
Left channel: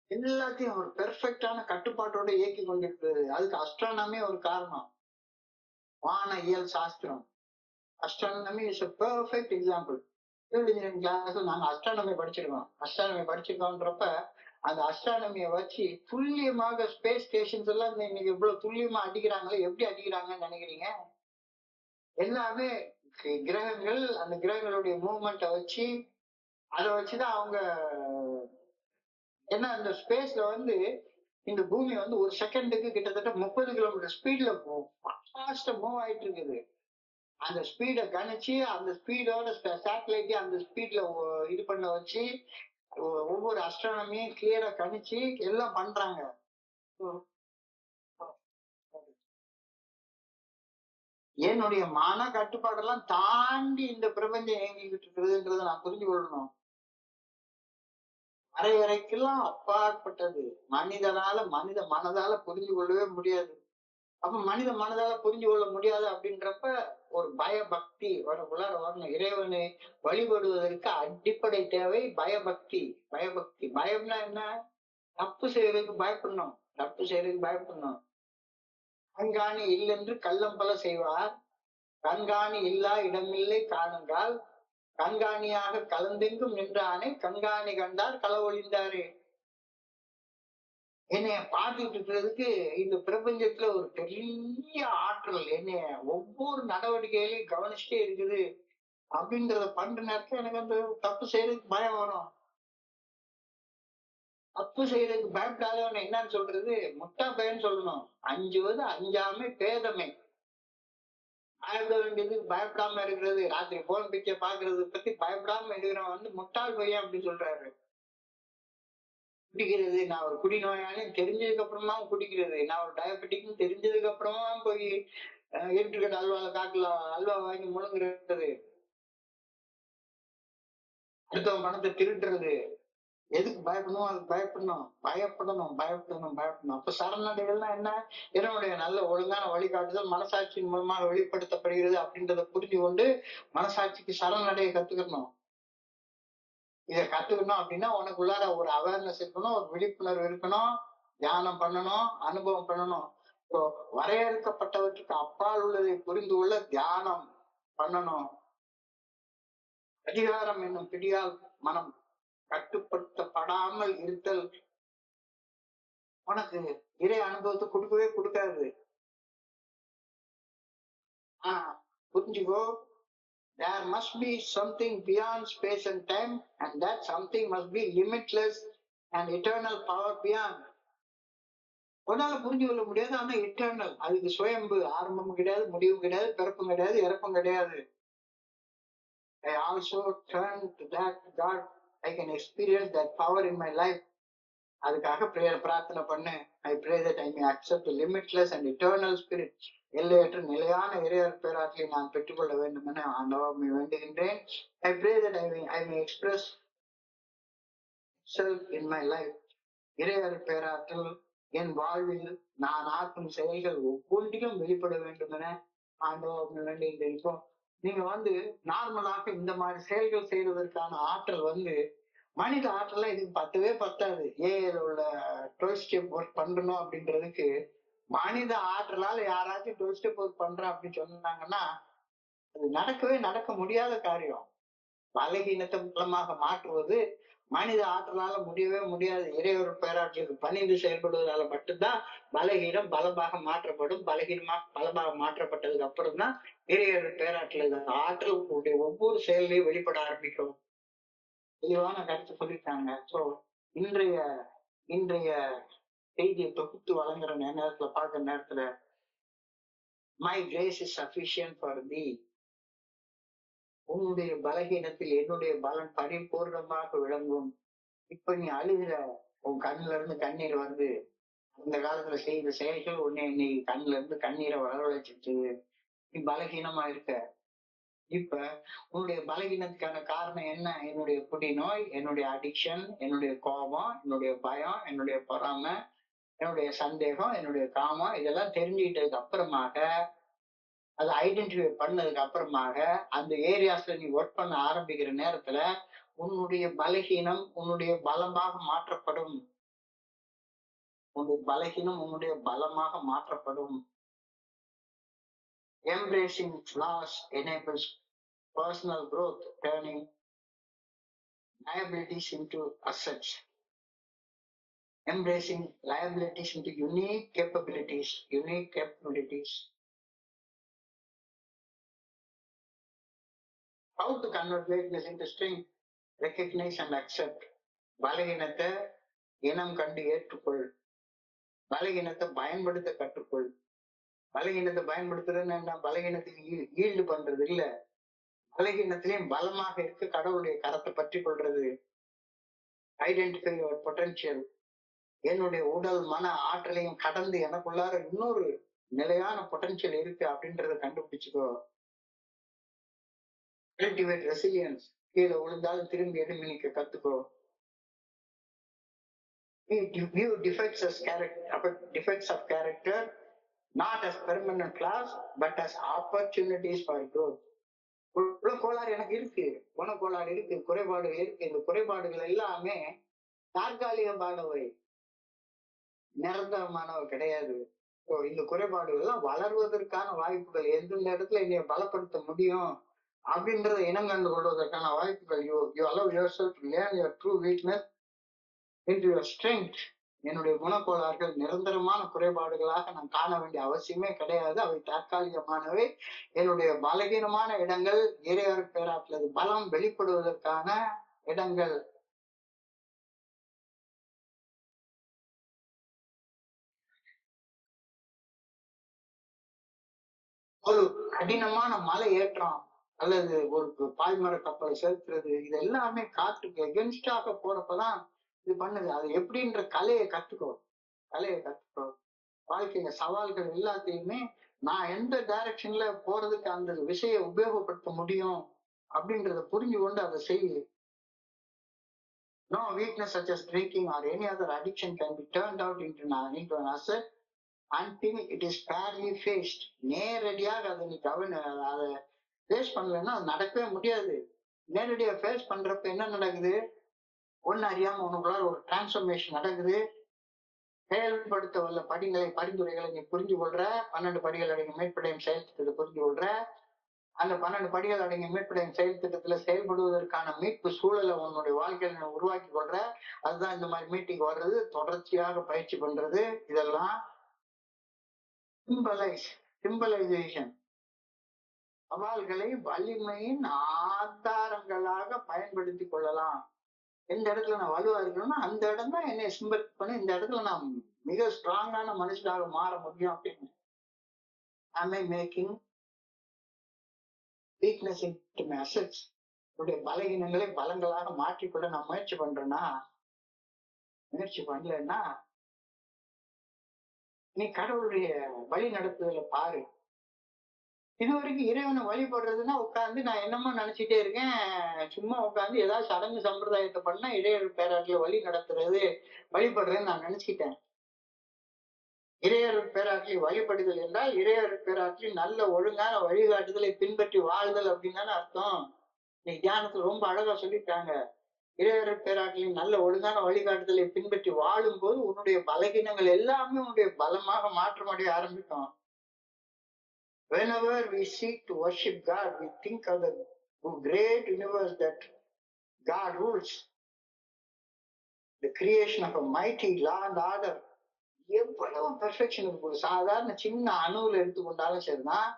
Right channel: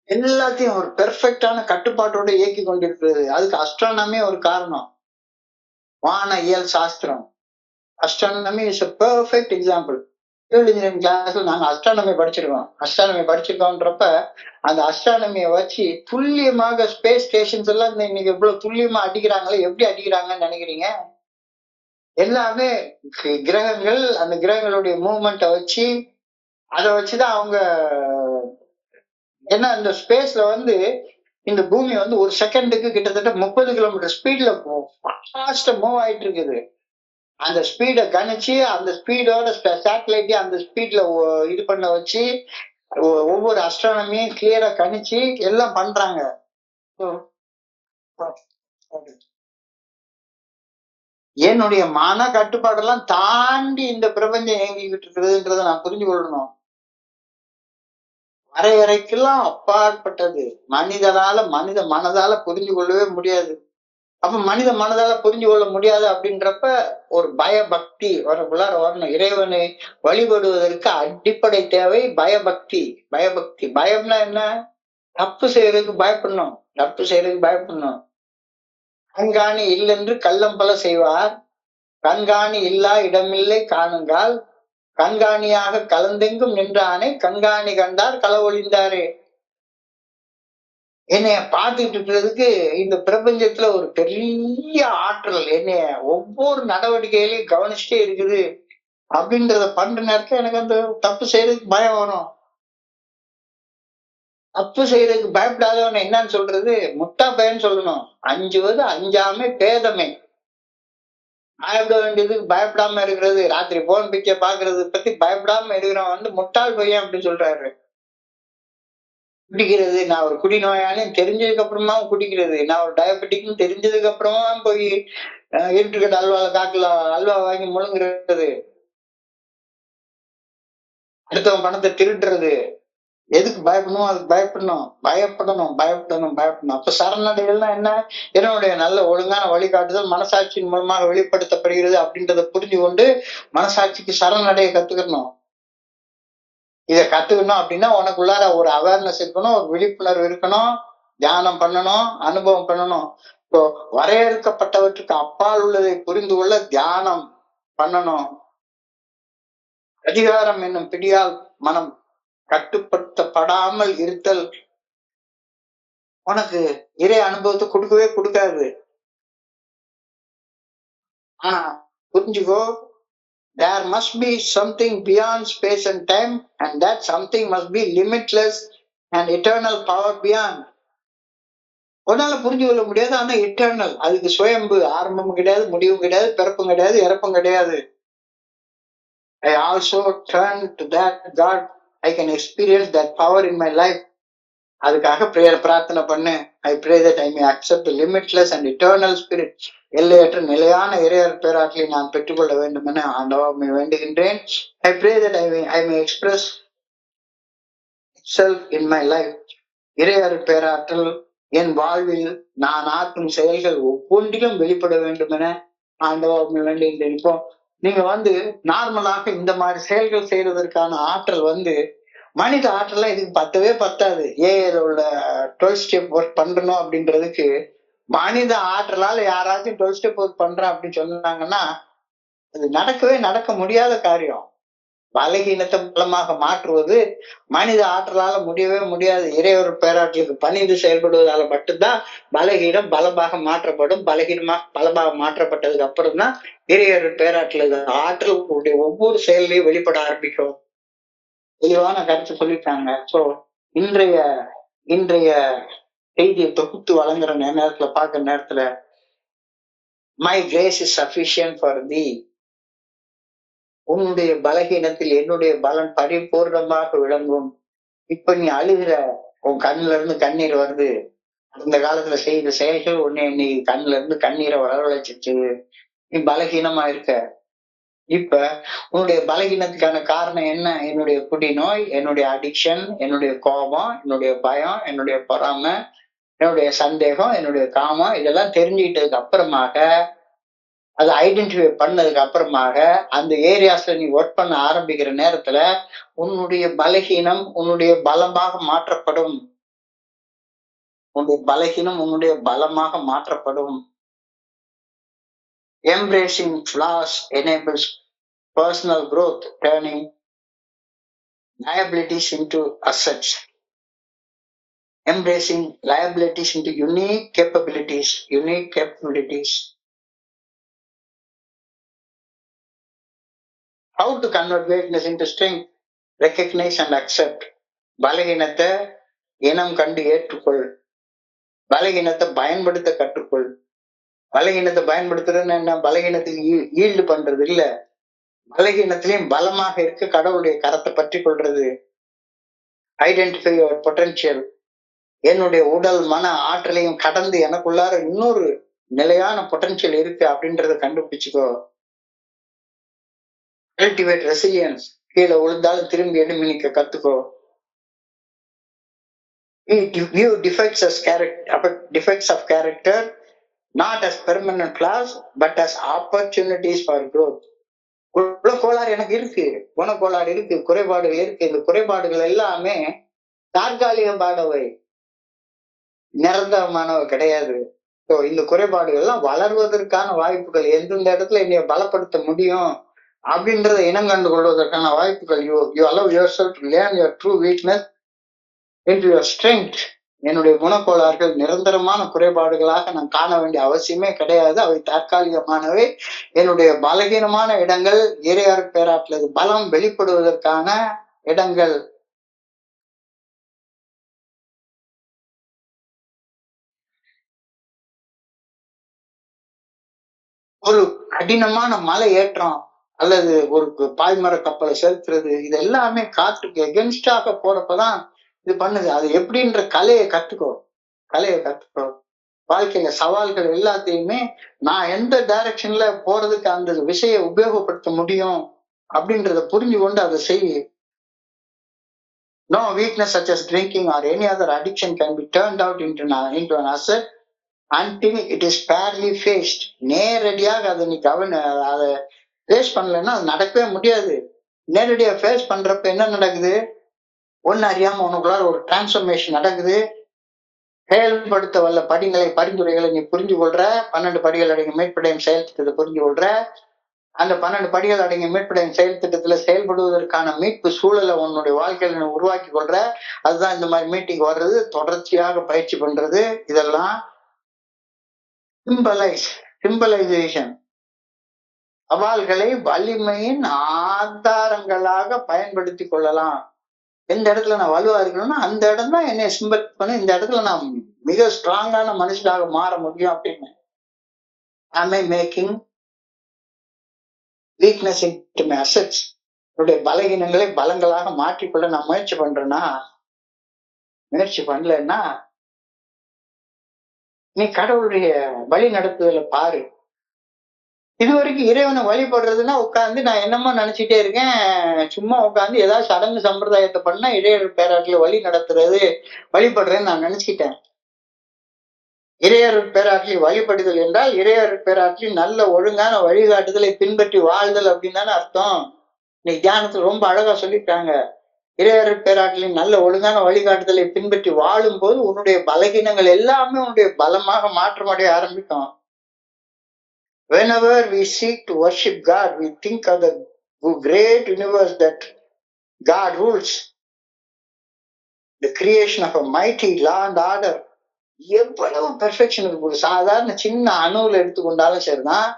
எல்லாத்தையும் ஒரு பெர்ஃபெக்டான கட்டுப்பாட்டோட இயக்கி கொண்டிருக்கிறது. அதுக்கு அஸ்ட்ரானமி ஒரு காரணம். வான இயல் சாஸ்திரம், astronomy is a perfect example. Civil engineering கிளாஸ்ல நாங்க அஸ்ட்ரானமி படிச்சிருக்கோம்ன்றப்ப அந்த அஸ்ட்ரானமியை வச்சு துல்லியமாக ஸ்பேஸ் ஸ்டேஷன்ஸ் எல்லாம் இன்னைக்கு எவ்வளவு துல்லியமா அடிக்கிறாங்களே, எப்படி அடிக்கிறாங்கன்னு நினைக்கிறீங்க? எல்லாமே கிரகங்கள், அந்த கிரகங்களுடைய மூவ்மெண்ட்டை வச்சு அதை வச்சுதான் அவங்க ஏன்னா இந்த ஸ்பேஸ்ல வந்து இந்த பூமி வந்து ஒரு செகண்டுக்கு கிட்டத்தட்ட 30 கிலோமீட்டர் ஸ்பீட்ல ஃபாஸ்டா மூவ் ஆயிட்டு இருக்குது. அந்த ஸ்பீடை கணிச்சு அந்த ஸ்பீடோட சேட்டலைட்டையும் அந்த ஸ்பீட்ல இது பண்ண வச்சு ஒவ்வொரு அஸ்ட்ரானமியும் கிளியரா கணிச்சு எல்லாம் பண்றாங்க. என்னுடைய மன கட்டுப்பாடெல்லாம் தாண்டி இந்த பிரபஞ்சம் இயங்கிக்கிட்டு இருக்கிறதுன்றதை நான் புரிஞ்சு கொள்ளணும். வரையறைக்கெல்லாம் அப்பாற்பட்டது. மனித மனதால புரிஞ்சு கொள்ளவே முடியாது. அப்ப மனித மனதால புரிஞ்சு கொள்ள முடியாது அப்படின்றப்ப ஒரு பயபக்தி வரணும். இறைவனை வழிபடுவதற்கு அடிப்படை தேவை பயபக்தி. பயம்னா என்ன? தப்பு செய்யறதுக்கு பயப்படணும். கண்காணி இல்லென்று கள்ளம் பல செய்வார், கண்காணி இல்லா இடமில்லை காணுங்கால், கண்காணியாக கலந்தெங்கும் நின்றானே கண்காணி கண்டார் களவொழிந்தாரே. என்னைய பார்த்துட்டு இருக்கிறதுக்கு இந்த பிரபஞ்சத்துல ஒரு பெரிய ஆற்றல் என்னைய ஒவ்வொரு நடவடிக்கையிலையும் கவனிச்சுட்டே இருக்குது அப்படின்றத பண்ற நேரத்துல எனக்கு அந்த தப்பு செய்யறதுக்கு பயம் வரும். தப்பு செய்யறதுக்கு பயப்படாதவன என்னன்னு சொல்றது? முட்டா பையன்னு சொல்லணும். அஞ்சுவது அஞ்சாமை பேதமை. பயப்பட வேண்டியதுக்கு பயப்படாம இருக்கிறது, ராத்திரி போன் பிச்சை பாக்குறது பத்தி பயப்படாம இருக்கிறவன் வந்து முட்டாள் பையன் அப்படின்னு சொல்றாரு. குடிக்கிறது, நான் ஒரு குடிநோயாளின்னு தெரிஞ்சதுக்கு அப்புறமா குடிக்கிறது, நான் ஒரு டயபெட்டிக்னு தெரிஞ்சதுக்கு அப்புறமா போய் இருட்டுக்கட்ட அல்வா வாங்கி முழுங்குறது, அடுத்தவன் பணத்தை திருடுறது, எதுக்கு பயப்படணும்? அதுக்கு பயப்படணும். அப்ப சரணடைகள்னா என்ன? என்னுடைய நல்ல ஒழுங்கான வழிகாட்டுதல் மனசாட்சியின் மூலமாக வெளிப்படுத்தப்படுகிறது அப்படின்றத புரிஞ்சு கொண்டு மனசாட்சிக்கு சரணடைய கத்துக்கணும். இதை கத்துக்கணும் அப்படின்னா உனக்குள்ளார ஒரு அவேர்னஸ் இருக்கணும், ஒரு விழிப்புணர்வு இருக்கணும், தியானம் பண்ணணும், அனுபவம் பண்ணணும். இப்போ வரையறுக்கப்பட்டவற்றுக்கு அப்பால் உள்ளதை புரிந்து கொள்ள தியானம் பண்ணணும். அதிகாரம் என்னும் பிடியால் மனம் கட்டுப்படுத்தப்படாமல் இருத்தல் உனக்கு இறை அனுபவத்தை கொடுக்காது. ஆனா புரிஞ்சுக்கோ, there must be something beyond space and time, and that something must be limitless and eternal power beyond. உன்னால புரிஞ்சு கொள்ள முடியாது, ஆனா இட்டர்னல். அதுக்கு சுயம்பு, ஆரம்பமும் கிடையாது, முடிவும் கிடையாது, பிறப்பும் கிடையாது, இறப்பும் கிடையாது. I also turn to that God. I can experience that power in my life. அதுக்காக பிரார்த்தனை பண்ணு. I pray that I may accept the limitless and eternal spirit. எல்லையற்ற நிலையான இறையர் பேராற்றலை நான் பெற்றுக்கொள்ள வேண்டும் என ஆண்டவரை வேண்டுகின்றேன். I pray that I may express itself in my life. இறையர் பேராற்றல் என் வாழ்வில் நான் ஆற்றும் செயல்கள் ஒவ்வொன்றிலும் வெளிப்பட வேண்டும் என ஆண்டவரை வேண்டுகின்றேன். இப்போ நீங்க வந்து நார்மலாக இந்த மாதிரி செயல்கள் செய்யறதற்கான ஆற்றல் வந்து மனித ஆற்றலாம் இதுக்கு பத்தவே பத்தாது. ஏஐல உள்ள 12 ஸ்டெப் ஒர்க் பண்றணும் அப்படின்றதுக்கு மனித ஆற்றலால யாராச்சும் 12 ஸ்டெப் ஒர்க் பண்றேன் அப்படின்னு சொன்னாங்கன்னா அது நடக்க முடியாத காரியம். பலகீனத்தை பலமாக மாற்றுவது மனித ஆற்றலால முடியவே முடியாது. இறைவன் பேராற்றலுக்கு பணிந்து செயல்படுவதால மட்டும்தான் பலகீனம் பலமாக மாற்றப்படும். பலகீனமாக பலமாக மாற்றப்பட்டதுக்கு அப்புறம் தான் இறைவன் பேராற்றல் ஆற்றலுடைய ஒவ்வொரு செயலையும் வெளிப்பட ஆரம்பிக்கும். தெளிவான கருத்து சொல்லிட்டாங்க. சோ இன்றைய இன்றைய செய்தியை தொகுத்து வழங்குற நேரத்துல பார்க்கிற நேரத்துல my grace is sufficient for thee. உன்னுடைய பலகீனத்தில் என்னுடைய பலன் பரிபூர்ணமாக விளங்கும். இப்ப நீ அழுகிற, உன் கண்ணுல இருந்து கண்ணீர் வருது. அந்த காலத்துல செய்த செயல்கள் உன்னை நீ கண்ணுல இருந்து கண்ணீரை வரவழைச்சிச்சு. நீ பலகீனமா இருக்க. இப்ப உன்னுடைய பலகீனத்துக்கான காரணம் என்ன? என்னுடைய குடிநோய், என்னுடைய அடிக்ஷன், என்னுடைய கோபம், என்னுடைய பயம், என்னுடைய பொறாமை, என்னுடைய சந்தேகம், என்னுடைய காமம், இதெல்லாம் தெரிஞ்சுக்கிட்டதுக்கு அப்புறமாக, அதை ஐடென்டிஃபை பண்ணதுக்கு அப்புறமாக அந்த ஏரியாஸ்ல நீ ஒர்க் பண்ண ஆரம்பிக்கிற நேரத்துல உன்னுடைய பலகீனம் உன்னுடைய பலமாக மாற்றப்படும். உன்னுடைய பலகீனம் உன்னுடைய பலமாக மாற்றப்படும். Embracing flaws enables personal growth, turning liabilities into assets. Embracing liabilities into unique capabilities. How to convert weakness into strength? Recognize and accept. பலகீனத்தை இனம் கண்டு ஏற்றுக்கொள். பலகீனத்தை பயன்படுத்த கற்றுக்கொள். பலகீனத்தை பயன்படுத்துறதுன்னு என்ன? பலகீனத்துக்கு ஈல்டு பண்றது இல்ல. பலகீனத்திலையும் பலமாக இருக்க கடவுளுடைய கரத்தை பற்றி கொள்றது. Identify your potential. என்னுடைய உடல் மன ஆற்றலையும் கடந்து எனக்குள்ளார இன்னொரு நிலையான பொட்டன்ஷியல் இருக்கு அப்படின்றத கண்டுபிடிச்சுக்கோ. Cultivate resilience. கீழே விழுந்தாலும் திரும்பி எழும்பி நிக்க கத்துக்கோ. View defects of character not as permanent flaws but as opportunities for growth. குணக்கோளாறு எனக்கு இருக்கு, குணக்கோளாறு இருக்கு, குறைபாடுகள் இருக்கு. இந்த குறைபாடுகள் எல்லாமே தற்காலிகமானவை, நிரந்தரமானவை கிடையாது. இந்த குறைபாடுகள் எல்லாம் வளர்வதற்கான வாய்ப்புகள். எந்தெந்த இடத்துல என்னைய பலப்படுத்த முடியும் அப்படின்றத இனம் கண்டு கொள்வதற்கான வாய்ப்புகள். You allow yourself to learn your true weakness into your strength. என்னுடைய குணக்கோளாறுகள் நிரந்தரமான குறைபாடுகளாக நான் காண வேண்டிய அவசியமே கிடையாது. அவை தற்காலிகமானவை. என்னுடைய பலகீனமான இடங்கள் இறையார் பேராற்றல் பலம் வெளிப்படுவதற்கான இடங்கள். ஒரு கடினமான மலை ஏற்றம் அல்லது ஒரு பாய்மர கப்பலை செலுத்துறது, இது எல்லாமே காற்றுக்கு எகென்ஸ்டாக போறப்பதான் இது பண்ணுது. அது எப்படின்ற கலையை கத்துக்கோ. வாழ்க்கையில சவால்கள் எல்லாத்தையுமே நான் எந்த டைரக்ஷன்ல போறதுக்கு அந்த விஷய உபயோகப்படுத்த முடியும் அப்படின்றத புரிஞ்சு கொண்டு அதை செய்ய. No weakness such as drinking or any other addiction can be turned out into an asset until it is fairly faced. நேரடியாக அதை நீ அதை ஃபேஸ் பண்ணலன்னா அது நடக்கவே முடியாது. நேரடியா ஃபேஸ் பண்றப்ப என்ன நடக்குது? ஒன்னு அறியாம உனக்குள்ளார ஒரு டிரான்ஸ்ஃபர்மேஷன் நடக்குது. செயல்படுத்த வல்ல பரிந்துரைகளை நீ புரிஞ்சு கொள்ற. 12 படிகள் அடங்கிய மீட்படையும் செயல் திட்டத்தை புரிஞ்சு கொள்ற. அந்த 12 படிகள் அடங்கிய மீட்படையும் செயல் திட்டத்துல செயல்படுவதற்கான மீட்பு சூழலை உன்னுடைய வாழ்க்கையில உருவாக்கி கொள்ற. அதுதான் இந்த மாதிரி மீட்டிங் வர்றது, தொடர்ச்சியாக பயிற்சி பண்றது. இதெல்லாம் சிம்பலைசேஷன். சவால்களை வலிமையின் ஆதாரங்களாக பயன்படுத்தி கொள்ளலாம். எந்த இடத்துல நான் வலுவா இருக்கணும்னா அந்த இடம் தான் என்னை சிம்பல் பண்ணி இந்த இடத்துல நான் மிக ஸ்ட்ராங்கான மனுஷனாக மாற முடியும் அப்படின்னு. Am I making weakness into my assets? என்னுடைய பலகீனங்களை பலங்களாக மாற்றிக்கொள்ள நான் முயற்சி பண்றேன்னா, முயற்சி பண்ணலன்னா நீ கடவுளுடைய வழி நடத்துதல பாரு. இது வரைக்கும் இறைவனை வழிபடுறதுன்னா உட்காந்து நான் என்னமோ நினைச்சிட்டே இருக்கேன். சும்மா உட்காந்து ஏதாவது சடங்கு சம்பிரதாயத்தை பண்ணா இறையர் பேராட்டில வழி நடத்துறது வழிபடுறேன்னு நான் நினைச்சிட்டேன். இறையர் பேராட்டில் வழிபடுதல் என்றால் இறையர் பேராட்டில் நல்ல ஒழுங்கான வழிகாட்டுதலை பின்பற்றி வாழ்தல் அப்படின்னு தானே அர்த்தம். இன்னைக்கு தியானத்துல ரொம்ப அழகா சொல்லிட்டாங்க. இறையருள் பேராற்றலின் நல்ல ஒழுங்கான வழிகாட்டுதலை பின்பற்றி வாழும் போது உன்னுடைய பலகீனங்கள் எல்லாமே உன்னுடைய பலமாக மாற்றமடைய ஆரம்பிக்கும். Whenever we seek to worship God, we think of the great universe that God rules, the creation of a mighty law and order. எவ்வளவு பெர்ஃபெக்ஷன் இருக்கு. சாதாரண சின்ன அணுவுல எடுத்துக்கொண்டாலும் சரிதான்,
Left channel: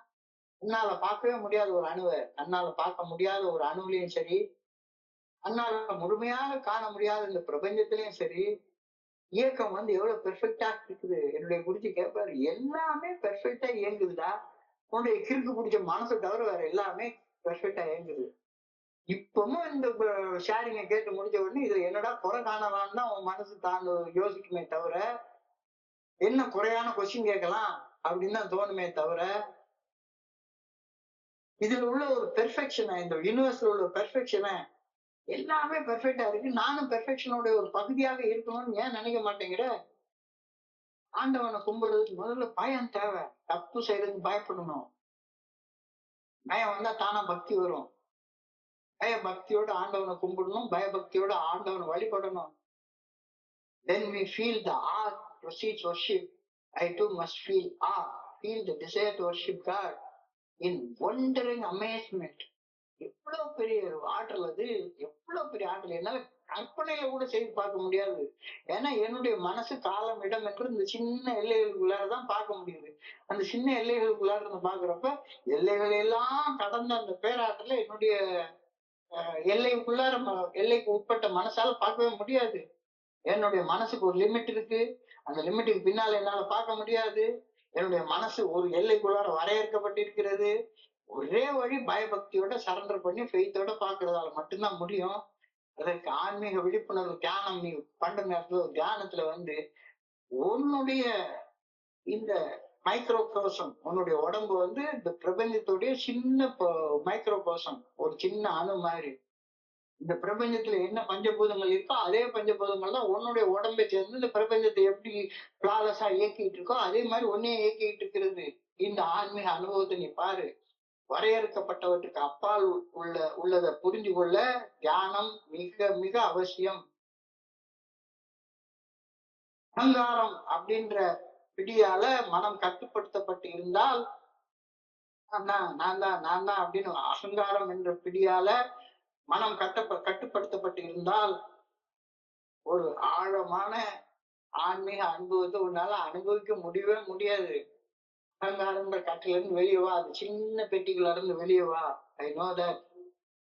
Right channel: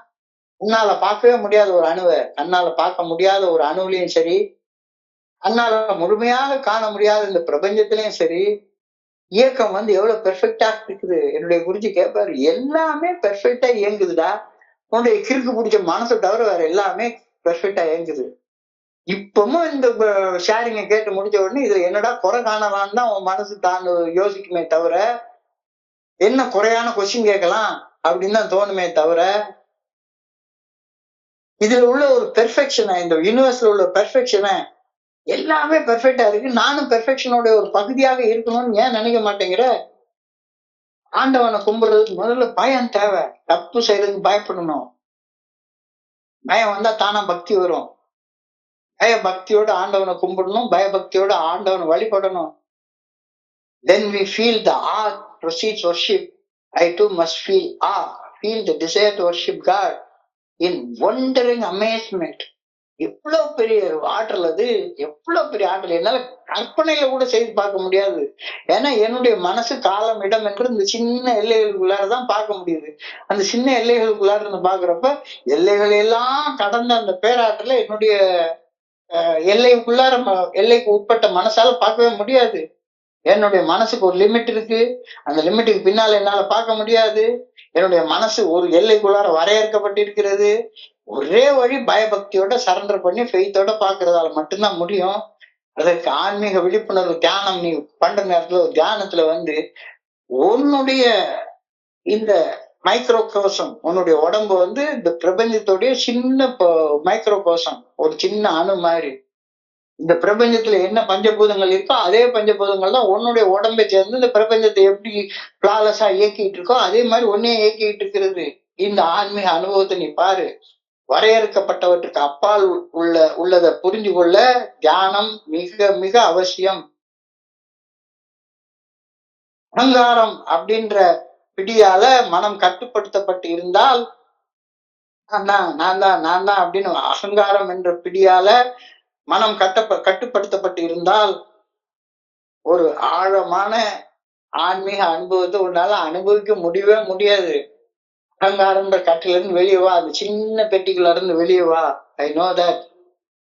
உன்னால பார்க்கவே முடியாத ஒரு அணுவை, கண்ணால பார்க்க முடியாத ஒரு அணுவிலையும் சரி, கண்ணால முழுமையாக காண முடியாத இந்த பிரபஞ்சத்திலையும் சரி, இயக்கம் எவ்வளவு பெர்ஃபெக்டா இருக்குது. என்னுடைய குருஜி கேட்பாரு, எல்லாமே பெர்ஃபெக்டா இயங்குதுடா, உன்னுடைய கிறுக்கு பிடிச்ச மனசை தவிர வேற எல்லாமே பெர்ஃபெக்டா இயங்குது. இப்பவும் இந்த ஷேரிங்க கேட்டு முடிஞ்ச உடனே இதுல என்னடா குறை காணலான்னு தான் உன் மனசு தான் யோசிக்குமே தவிர, என்ன குறையான கொஸ்டின் கேட்கலாம் அப்படின்னு தான் தோணுமே தவிர, இதுல உள்ள ஒரு பெர்ஃபெக்ஷனை, இந்த யூனிவர்ஸ்ல உள்ள பெர்ஃபெக்ஷனை, எல்லாமே பெர்ஃபெக்டா இருக்கு, நானும் பெர்ஃபெக்ஷனோட ஒரு பகுதியாக இருக்கணும்னு ஏன் நினைக்க மாட்டேங்கிற? ஆண்டவனை கும்பிடுறதுக்கு முதல்ல பயம் தேவை. தப்பு செய்யறதுக்கு பயப்படணும். பயம் வந்தா தானா பக்தி வரும். பயபக்தியோட ஆண்டவனை கும்பிடணும், பயபக்தியோட ஆண்டவனை வழிபடணும். Then we feel the awe precedes worship. I too must feel awe, feel the desire to worship God in wondering amazement. எவ்வளவு பெரிய ஆற்றல் அது, எவ்வளவு பெரிய ஆற்றல், என்னால கற்பனையில கூட செய்து பார்க்க முடியாது. ஏன்னா என்னுடைய மனசு காலம் இடம் என்று இந்த சின்ன எல்லைகளுக்குள்ளாரதான் பார்க்க முடியுது. அந்த சின்ன எல்லைகளுக்குள்ளார இருந்து பாக்குறப்ப எல்லைகள் எல்லாம் கடந்த அந்த பேராற்றல என்னுடைய எல்லைக்குள்ளார, எல்லைக்கு உட்பட்ட மனசால பார்க்கவே முடியாது. என்னுடைய மனசுக்கு ஒரு லிமிட் இருக்கு, அந்த லிமிட்டுக்கு பின்னால என்னால பார்க்க முடியாது. என்னுடைய மனசு ஒரு எல்லைக்குள்ளார வரையறுக்கப்பட்டிருக்கிறது. ஒரே வழி பயபக்தியோட சரண்டர் பண்ணி ஃபெய்த்தோட பாக்குறதால மட்டும்தான் முடியும். அதற்கு ஆன்மீக விழிப்புணர்வு தியானம் நீ பண்ற நேரத்துல ஒரு தியானத்துல உன்னுடைய இந்த மைக்ரோ கோசம், உன்னுடைய உடம்பு இந்த பிரபஞ்சத்துடைய சின்ன மைக்ரோ கோசம், ஒரு சின்ன அணு மாதிரி. இந்த பிரபஞ்சத்துல என்ன பஞ்சபூதங்கள் இருக்கோ அதே பஞ்சபூதங்கள் தான் உன்னுடைய உடம்பை சேர்ந்து இந்த பிரபஞ்சத்தை எப்படி பிளாலஸா இயக்கிட்டு இருக்கோ அதே மாதிரி ஒன்னே இயக்கிட்டு இருக்கிறது. இந்த ஆன்மீக அனுபவத்தை நீ பாரு. வரையறுக்கப்பட்டவற்றுக்கு அப்பால் உள்ளதை புரிஞ்சு கொள்ள தியானம் மிக மிக அவசியம். அகங்காரம் அப்படின்ற பிடியால மனம் கட்டுப்படுத்தப்பட்டு இருந்தால், நான் தான் அப்படின்னு அகங்காரம் என்ற பிடியால மனம் கட்டுப்படுத்தப்பட்டு இருந்தால் ஒரு ஆழமான ஆன்மீக அனுபவத்தை உன்னால அனுபவிக்க முடியவே முடியாது. அகங்காரன்ற கட்டில இருந்து வெளியே வா, அது சின்ன பெட்டிக்குள்ள இருந்து வெளியே வா. I know that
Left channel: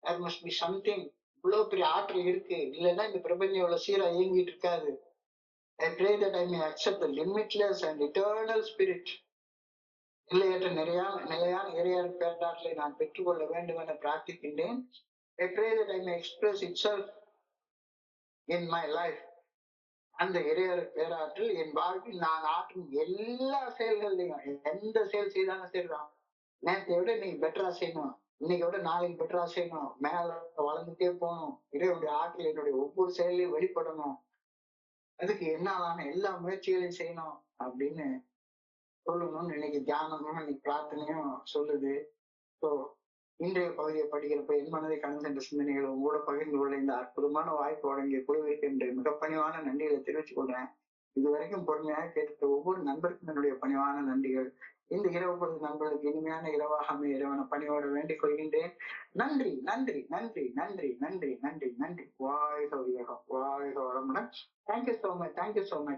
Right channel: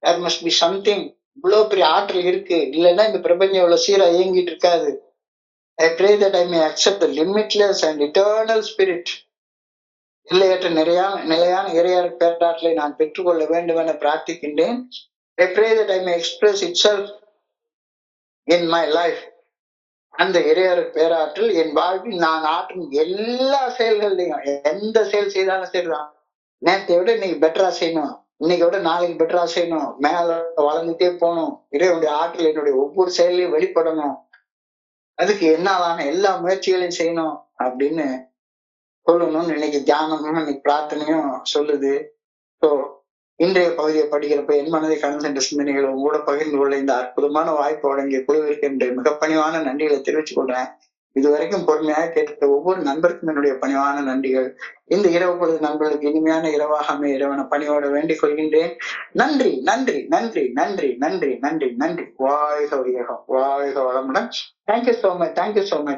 there must be something. இவ்வளவு பெரிய ஆற்றல் இருக்கு, இல்லைன்னா இந்த பிரபஞ்சம் இவ்வளவு சீரா இயங்கிட்டு இருக்காது. I pray that I may accept the limitless and eternal spirit. எல்லையற்ற நிலையான இறையருள் பேராற்றலை நான் பெற்றுக்கொள்ள வேண்டும் என பிரார்த்திக்கின்றேன். I pray that I may express itself in my life. அந்த இறையருள் பேராற்றல் என் வாழ்வில் நான் ஆற்றும் எல்லா செயல்கள்லையும், எந்த செயல் செய்தாலும் சரிதான், நேற்றை விட இன்னைக்கு பெட்டரா செய்யணும், இன்னைக்கு விட நாளைக்கு பெட்டரா செய்யணும், மேல வளர்ந்துட்டே போகணும், இறைவனுடைய ஆற்றல் என்னுடைய ஒவ்வொரு செயலையும் வெளிப்படணும், அதுக்கு என்னாலான எல்லா முயற்சிகளையும் செய்யணும் அப்படின்னு சொல்லணும்னு இன்னைக்கு தியானமும் இன்னைக்கு பிரார்த்தனையும் சொல்லுது. ஸோ இன்றைய பகுதியை படிக்கிறப்ப என் மனதை கடந்து சென்ற சிந்தனைகளை உங்களோட பகிர்ந்து கொள்ள இந்த அற்புதமான வாய்ப்பு வழங்கிய குழுவிற்கு என்று மிக பணிவான நன்றிகளை தெரிவித்துக் கொள்றேன். இதுவரைக்கும் பொறுமையாக கேட்க ஒவ்வொரு நண்பருக்கும் என்னுடைய பணிவான நன்றிகள். இந்த இரவு பொழுது நண்பர்களுக்கு இனிமையான இரவாக அமைய இறைவனை பணியோட வேண்டிக் கொள்கின்றேன். நன்றி நன்றி நன்றி நன்றி நன்றி நன்றி நன்றி. வாழ்க வையகம், வாழ்க வளமுடன். Thank you so much, thank you so much.